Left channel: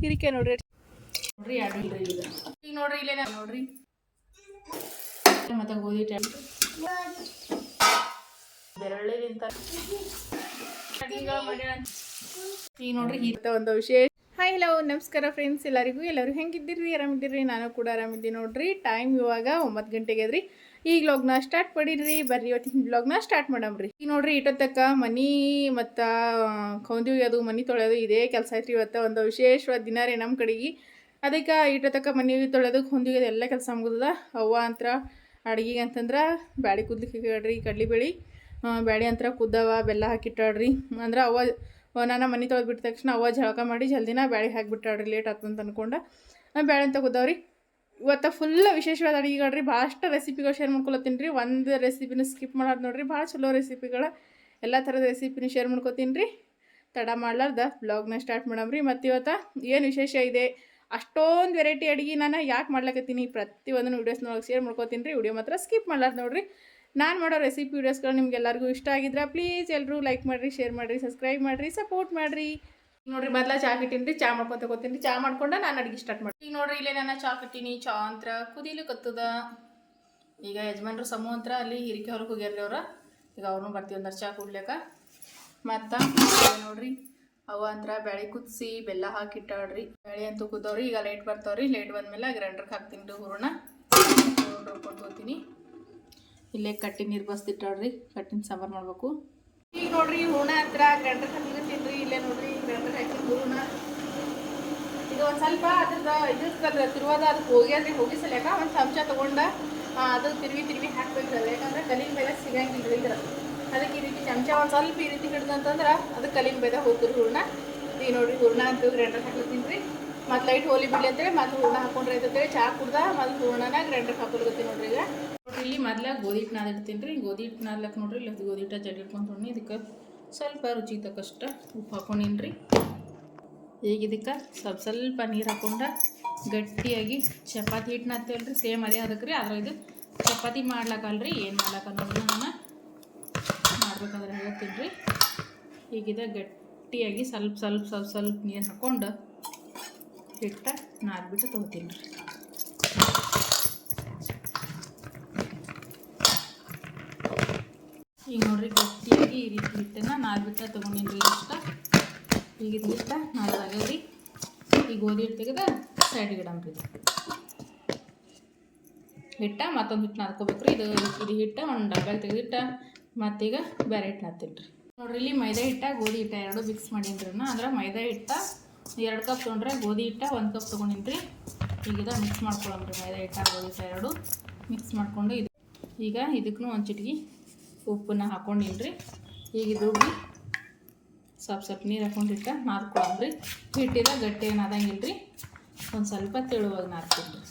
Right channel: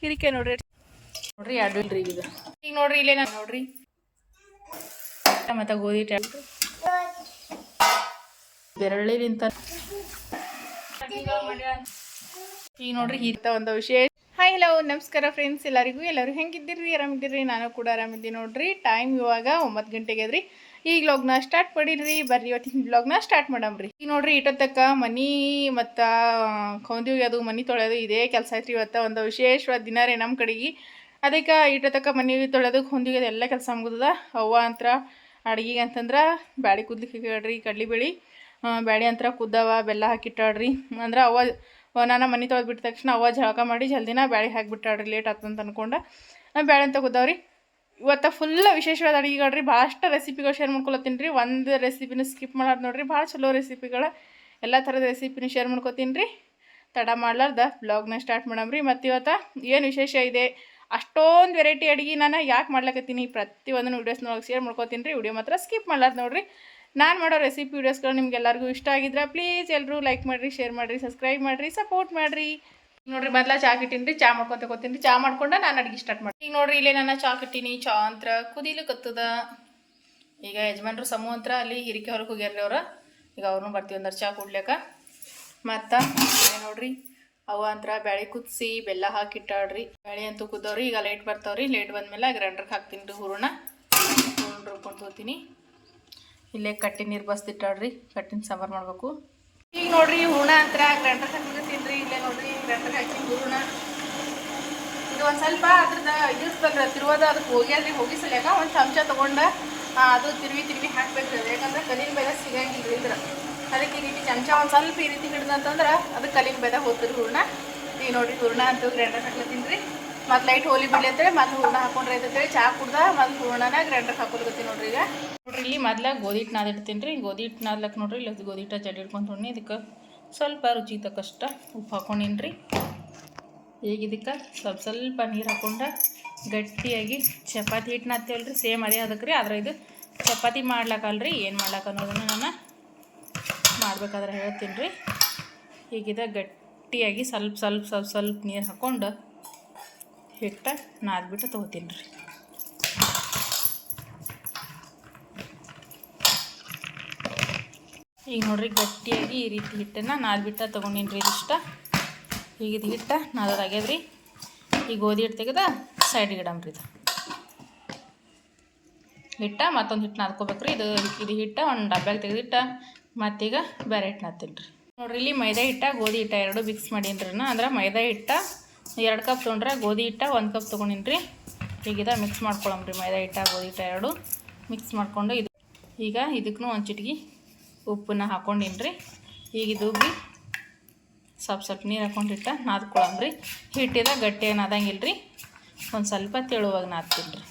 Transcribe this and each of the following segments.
ಹಿರಿಕೆ ನೋಡ್ರಿ. ನೋಡ್ರಿ ಎರಡು ಇಲ್ರಿ ಈಗ. ಈಗ ನೋಡ್ರಿ ಇಲ್ಲೇ ನಾನು ನೋಡ್ರಿ. ಮತ್ತೆ ಗೋಧಿ ನಿಂತ ಈಗ ನೋಡ್ರಿ ಈತ ಒಂದು ವಿಶೇಷ. ಹಾಯ್ ಹಲೋ ನಮಸ್ಕಾರ ಫ್ರೆಂಡ್ಸ್ ಎಲ್ಲರಿಗೂ ಎಲ್ಲರೂ ಹೆಂಗಿದ್ದೀರಿ? ಆರಾಮಿದ್ದೀರಿ? ನಾನು ಕೂಡ ಆರಾಮಿದ್ದೀನಿ ನೋಡ್ರಿ. ಟೈಮ್ ಇವಾಗ ಒಂಬತ್ತು ಗಂಟೆಗೆ ಅದ್ರಿ ಈಗ ವ್ಲಾಗ್ನ ಸ್ಟಾರ್ಟ್ ಮಾಡಿದ್ರಿ. ಬರ್ರಿ ಇವತ್ತಿನ ವ್ಲಾಗ್ನ ಸ್ಟಾರ್ಟ್ ಮಾಡಮ್ರಿ ಈಗ ನೋಡ್ರಿ ಇಟ್ಟತ್ತಕ್ಕ ಮನಿ ಮತ್ತು ಕೌಂದಿ ಅದು ಮನಿ ತೊಳೆಯೋದು ಇದೇ ಕೆಲಸ ಐತ್ರಿ ಇವತ್ತು. ಒಂದು ವಿಶೇಷವಾದ ದಿನ ರೀ ನಮ್ಮ ಕಡೆಗೆ. ಅದಕ್ಕೆ ಇಟ್ಟತಕ್ಕ ಮನಿ ತೊಳೆಯೋದು ಅದು ಎಲ್ಲ ಕೆಲಸ ಮುಗಿದದ. ಅವ್ವ ಅಂತ್ರ ಅಡ್ಗಿಗೆ ಅಂತಂದ್ರೆ ಬ್ಯಾಳಿ ಕುದ್ಲಿಕ್ಕೆ ಕಡ್ಲಿ ಬೇಳಿ. ಬ್ಯಾಳಿ ಅಂತರ ಕುದ್ದವ, ಬೆಲ್ಲ ಹಾಕಿಟ್ಟಾಡ್ರಿ. ಅಂದ್ರೆ ಅವ್ವ ಅವ ನಾನು ಮನೆ ತೊಳೆದು ಬಿಟ್ಟ ತಕ್ಷಣ ಅವ್ವ ಜಳಕ ಮಾಡಿ ಜಲ್ದಿನ ಬ್ಯಾಳಿ ಹಾಕಿಬಿಟ್ಟಾಡ್ರಿ. ಲೇಟ್ ಆತಂತ ಅನ್ಕೊಂಡು. ಬ್ಯಾಳೆ ಅಂತ ಕುದ್ದವ್ರಿ. ಇವತ್ತು ಫುಲ್ ವಿಶೇಷವಾದ ಅಡುಗೆಗಳ್ರಿ ಭಾಳಷ್ಟು ರೆಸಿಪಿಗಳು ಶೇರ್ ಮಾಡ್ಕೊಳತ್ತೀನಿ ರೀ. ಒಂದು ರೆಸಿಪಿನ ಸ್ಕಿಪ್ ಮಾಡೋದು ನೋಡಿರಿ, ಭಾಳ ಚಲೋ ರೆಸಿಪಿಗಳು ಎಲ್ಲ ಥರದ ರೆಸಿಪಿನ ಶೇರ್ ಮಾಡ್ಕೊತೀನಿ ರೀ. ತಡ ಮಾಡ್ಲಾರ್ದ ಬ್ಲಾಗ್ನ ಸ್ಟಾರ್ಟ್ ಮಾಡಮ್ರಿ ಮತ್ತು ಇವತ್ತು ಏನು ವಿಶೇಷ ಇದೆ? ಅಷ್ಟೊಂದು ವೆರೈಟಿ ಅಡುಗೆ ನಾನು ಯಾಕೆ ಮಾಡ್ಲಕತ್ತೀನಿ? ಪ್ರತಿಯೊಂದನ್ನು ವೀಡಿಯೋಸ್ನೊಳಗೆ ಶೇರ್ ಮಾಡ್ಕೊತೀನಿ ರೀ. ವಿಡಿಯೋ ಮಾತ್ರ ಸ್ಕಿಪ್ ಮಾಡ್ಲಾರ್ದು ನೋಡಿರಿ. ನಾನು ಮಾಡೋ ರೆಸಿಪಿ ವೀಡಿಯೋಸ್ಗಳು ನಿಮ್ಗೆ ಎಲ್ಲರಿಗೂ ಇಷ್ಟ ಆಗಿದ್ರೆ ಪ್ಲೀಸ್ ಎಲ್ಲರೂ ಲೈಕ್ ಮಾಡಿರಿ ಶೇರ್ ಮಾಡಿರಿ ಸಬ್ಸ್ಕ್ರೈಬ್ ಮಾಡಿರಿ ಸಪೋರ್ಟ್ ಮಾಡಿರಿ. ನೋಡ್ರಿ ಮೊದ್ಲ ಚಾ ಕಿಟ್ಟಿನ್ರಿ, ಚಾ ಮಾಡ್ಕೊಂತ ತಗೋತೀನಿ ಚಾ ಮಾಡ್ಕೊಂಡ ನಾನು ಅಡುಗೆ ಸ್ಟಾರ್ಟ್ ಮಾಡಿ ಈಗ ನೋಡ್ರಿ ಇಲ್ಲೇ ನಾನು ಚಾ ಕಿಟ್ಟಿನಿ, ಚಾ ಅಂತ್ರ ಕುದಿಲಿಕತ್ತದ ಈಗ ಯಜಮಾನ್ರು ಸಮೂಹ ಅಂತ್ರ ಅಲ್ಲಿ ಹಿರಿಕೆ ಹೊರಗೆ ಹೋಗ್ಯಾರ್ರಿ ಅವ್ರು. ಈಗ ಅವ್ರನ್ನೂ ಬರ್ತೀವಿ ಅಂದ್ರೆ ಚಾ ಕುಡ್ಲಿಕ್ಕೆ. ಮತ್ತು ನೋಡ್ರಿ ಅವ ಅಂತ್ರ ಬ್ಯಾಳಿ ಕುದಿಸಿ ಬೆಲ್ಲ ಹಾಕಿ ಇಟ್ಟಾಡ್ರಿ ಬ್ಯಾಳಿ ಅಂತೂ ಕುದ್ದವ್ರಿ, ಈಗ ಲೇಟ್ ಬರ್ತಾವ್ರಿ. ಲೇಟ್ ಬಂದ್ಮೇಲೆ ಗ್ರೈಂಡರ್ಗೆ ಹಾಕ್ತೀನಿ ರೀ ಹೂರಣ. ಹೂರಣ ರುಬ್ಕೊಂಡು ಹೋಗ್ತೀನಿ ಇಲ್ಲೇ ಕಟ್ಟಿನ ನೀರು ಬಸ್ದಿಟ್ಟಾಡ್ರಿ ಕಟ್ಟಿನ ಸಾಂಬಾರು ಮಾಡಬೇಕು. ಈಗ ನೋಡ್ರಿ ಹೂರ್ಣ ಅಂತರ ಗ್ರೈಂಡರ್ ಹಾಕ್ತೀನಿ ತಿನ್ರಿ, ಇಲ್ಲೇ ನೋಡ್ರಿ ಗ್ರೈಂಡರ್ ಹಾಕಿ ಹೂರ್ಣ. ಇದು ಒಂದು ಸ್ವಲ್ಪ ಅದ್ರದ್ದು ಇದಿರ್ತಲ್ರಿ ತಿರುವಾದ ಅದಕ್ಕೆ ಹೋಗ್ಯಾದ್ರಿ ಹೋಗಿ ಸಲ್ಯಾಕ ಒಂದು ಚಮಚ ತೊಗೊಂಡ ಅದು ತಿರುವಿ ತಿರುವಿ ಹಾಕ್ಬೇಕು ರೀ ಯಾಕಂದ್ರೆ ಕಲಿನ ಬೆಲೆ ಸಿಗಂಗಿಲ್ಲ ರೀ ಇದ್ರ ಅದಕ್ಕೆ ಈ ರೀತಿ ಚಮಚ ಒಂದು ಸ್ವಲ್ಪ ಈ ರೀತಿ ಹಿಡ್ದಂತಂದ್ರೆ ಅದು ಕಲಿನ ಬೆಲೆ ಹೋಗ್ತೀರಿ ಹೂರ್ಣ. ಈಗ ನೋಡ್ರಿ, ಹೂರ್ಣ ಅಂತೂ ಗ್ರೈಂಡರ್ ಹಾಕ್ಲತ್ತೀನಿ ಮತ್ತು ಲೈಟ್ ಹೋಲಿ ಬಿಡ್ಲಿ ಅಂತೇಳಿ ಮೊದಲು ಹೂರ್ಣ ಹಾಕೊಂಡ್ರೆ ಐತಂತೇಳಿ ಚಾ ಕುಡ್ದ ಮೊದಲು ಹೂರ್ಣನ ಗ್ರೈಂಡರ್ ಹಾಕೊಲ್ಗತ್ತೀನಿ ನೋಡ್ರಿ ಈಗ. ನೋಡ್ರಿ, ಇಲ್ಲಿ ಮೊದ್ಲ ಗೋಧಿ ಹಿಟ್ಟು ನಾದಿಡ್ತೀನಿ ರೀ. ಗೋಧಿ ಹಿಟ್ಟು ನಾದ್ಲಕ್ ನೋಡ್ರಿ, ಇಲ್ಲಿ ಗೋಧಿ ಹಿಟ್ಟು ಜಲ್ದಿ ಹಿಡ್ಕೊಂಡು ಇದಕ್ಕೆ ಸ್ವಲ್ಪ ರುಚಿ ತಕ್ಕಷ್ಟ ಉಪ್ಪು ಹಾಕೊಂಡಿನ್ರಿ. ಈಗ ಇದಕ್ಕೆ ಸ್ವಲ್ಪ ಸ್ವಲ್ಪ ನೀರು ಹಾಕೊಂಡ ಗಟ್ಟಿಯಾಗಿ ಚಪಾತಿ ಹಿಟ್ಟು ನಾದ್ತೇವಲ್ಲ ರೀ ಸೇಮ್ ಅದೇ ಅದಕ್ಕೆ ರೀ. ಆದ್ರೆ ಇದು ಚಪಾತಿ ಮಾಡ್ಲಕ್ಕಲ್ರಿ ಏನು ಮಾಡ್ಲಕ್ಕ ಅನ್ನೋದನ್ನು ನಾನು ಮಾಡ್ಬೇಕಾದ್ರೆ ಹೇಳ್ತೀನಿ ರೀ ಈಗಿದ ಗಟ್ಟಿಯಾಗಿ ಸ್ವಲ್ಪ ಸ್ವಲ್ಪ ಸ್ವಲ್ಪ ಸ್ವಲ್ಪ ನೀರು ಹಾಕ್ಕೊಂಡು ಹಿಟ್ಟ ನಾದ್ಬಿಟ್ಟು ತೊಗೋತೀನಿ ರೀ. ಈಗ ನೋಡ್ರಿ ಗಟ್ಟಿಯಾಗಿ ಈ ರೀತಿ ಹಿಟ್ಟನ್ನು ನಾದ್ಬಿಟ್ಟು ತೊಗೊಂಡಿನಿ ರೀ ಇಷ್ಟ ಈಗ ಇದು ನಾದಾಗ್ಯದ ರೀ ಈ ಗೋಧಿ ಹಿಟ್ಟು ತೆಗೆದ ಸೈಡಿಗೆ ಇಡಮ್ರಿ ಇದು. ಹಿಟ್ಟ ಮತ್ತೊಂದು ಹಿಟ್ಟು ನಾದ್ಕೋಬೇಕು ರೀ ಇದು ಇದು ಹಿಟ್ಟ ಒಂದು ಡಬ್ಬ್ಯಾಗ ತೆಗೆದಿಟ್ಟ ಮತ್ತೀಗ ಬೇರೆ ಹಿಟ್ಟು ನಾದ್ತೀನಿ ರೀ. ನೋಡ್ರಿ ಇಲ್ಲಿ ಮೈದಾ ಹಿಟ್ಟ, ಗೋಧಿ ಹಿಟ್ಟ ಎರಡು ಮಿಕ್ಸ್ ಮಾಡೀನಿ ರೀ ಅಂದ್ರೆ ಮೈದಾ ಹಿಟ್ಟ ಎರಡು ಕಪ್ ತೊಗೊಂಡ್ರೆ ಗೋಧಿ ಹಿಟ್ಟ, ಒಂದು ಕಪ್ ತೊಗೊಂಡಿನಿ ರೀ. ಈಗ ಇದು ಮಿಕ್ಸ್ ಮಾಡ್ಕೊಳಮ್ರಿ ಮೈದಾ ಹಿಟ್ಟ, ಗೋಧಿ ಹಿಟ್ಟ ಎರಡು. ಮಿಕ್ಸ್ ಮಾಡಿಕೊಂಡು ಇದು ಈಗ ಇದಕ್ಕೂ ಒಂದು ಚಿಟಿಗೆ ಉಪ್ಪನ್ನ ಹಾಕೊಂಡಿನ್ರಿ ರೀ. ಈಗ ಇದು ಬಿ ಸ್ವಲ್ಪ ಸ್ವಲ್ಪ ನೀರು ಹಾಕೊಂಡಿಟ್ಟ ನಾದ್ಕೊಳಮ್ರಿ ಹಿಟ್ಟಿದ ಗಟ್ಟಿ ಏನು ಆದಂಗಿಲ್ಲ ರೀ. ಒಂದು ಸ್ವಲ್ಪ ತೆಳುವಾಗ ನಾದ್ತೀನಿ ರೀ.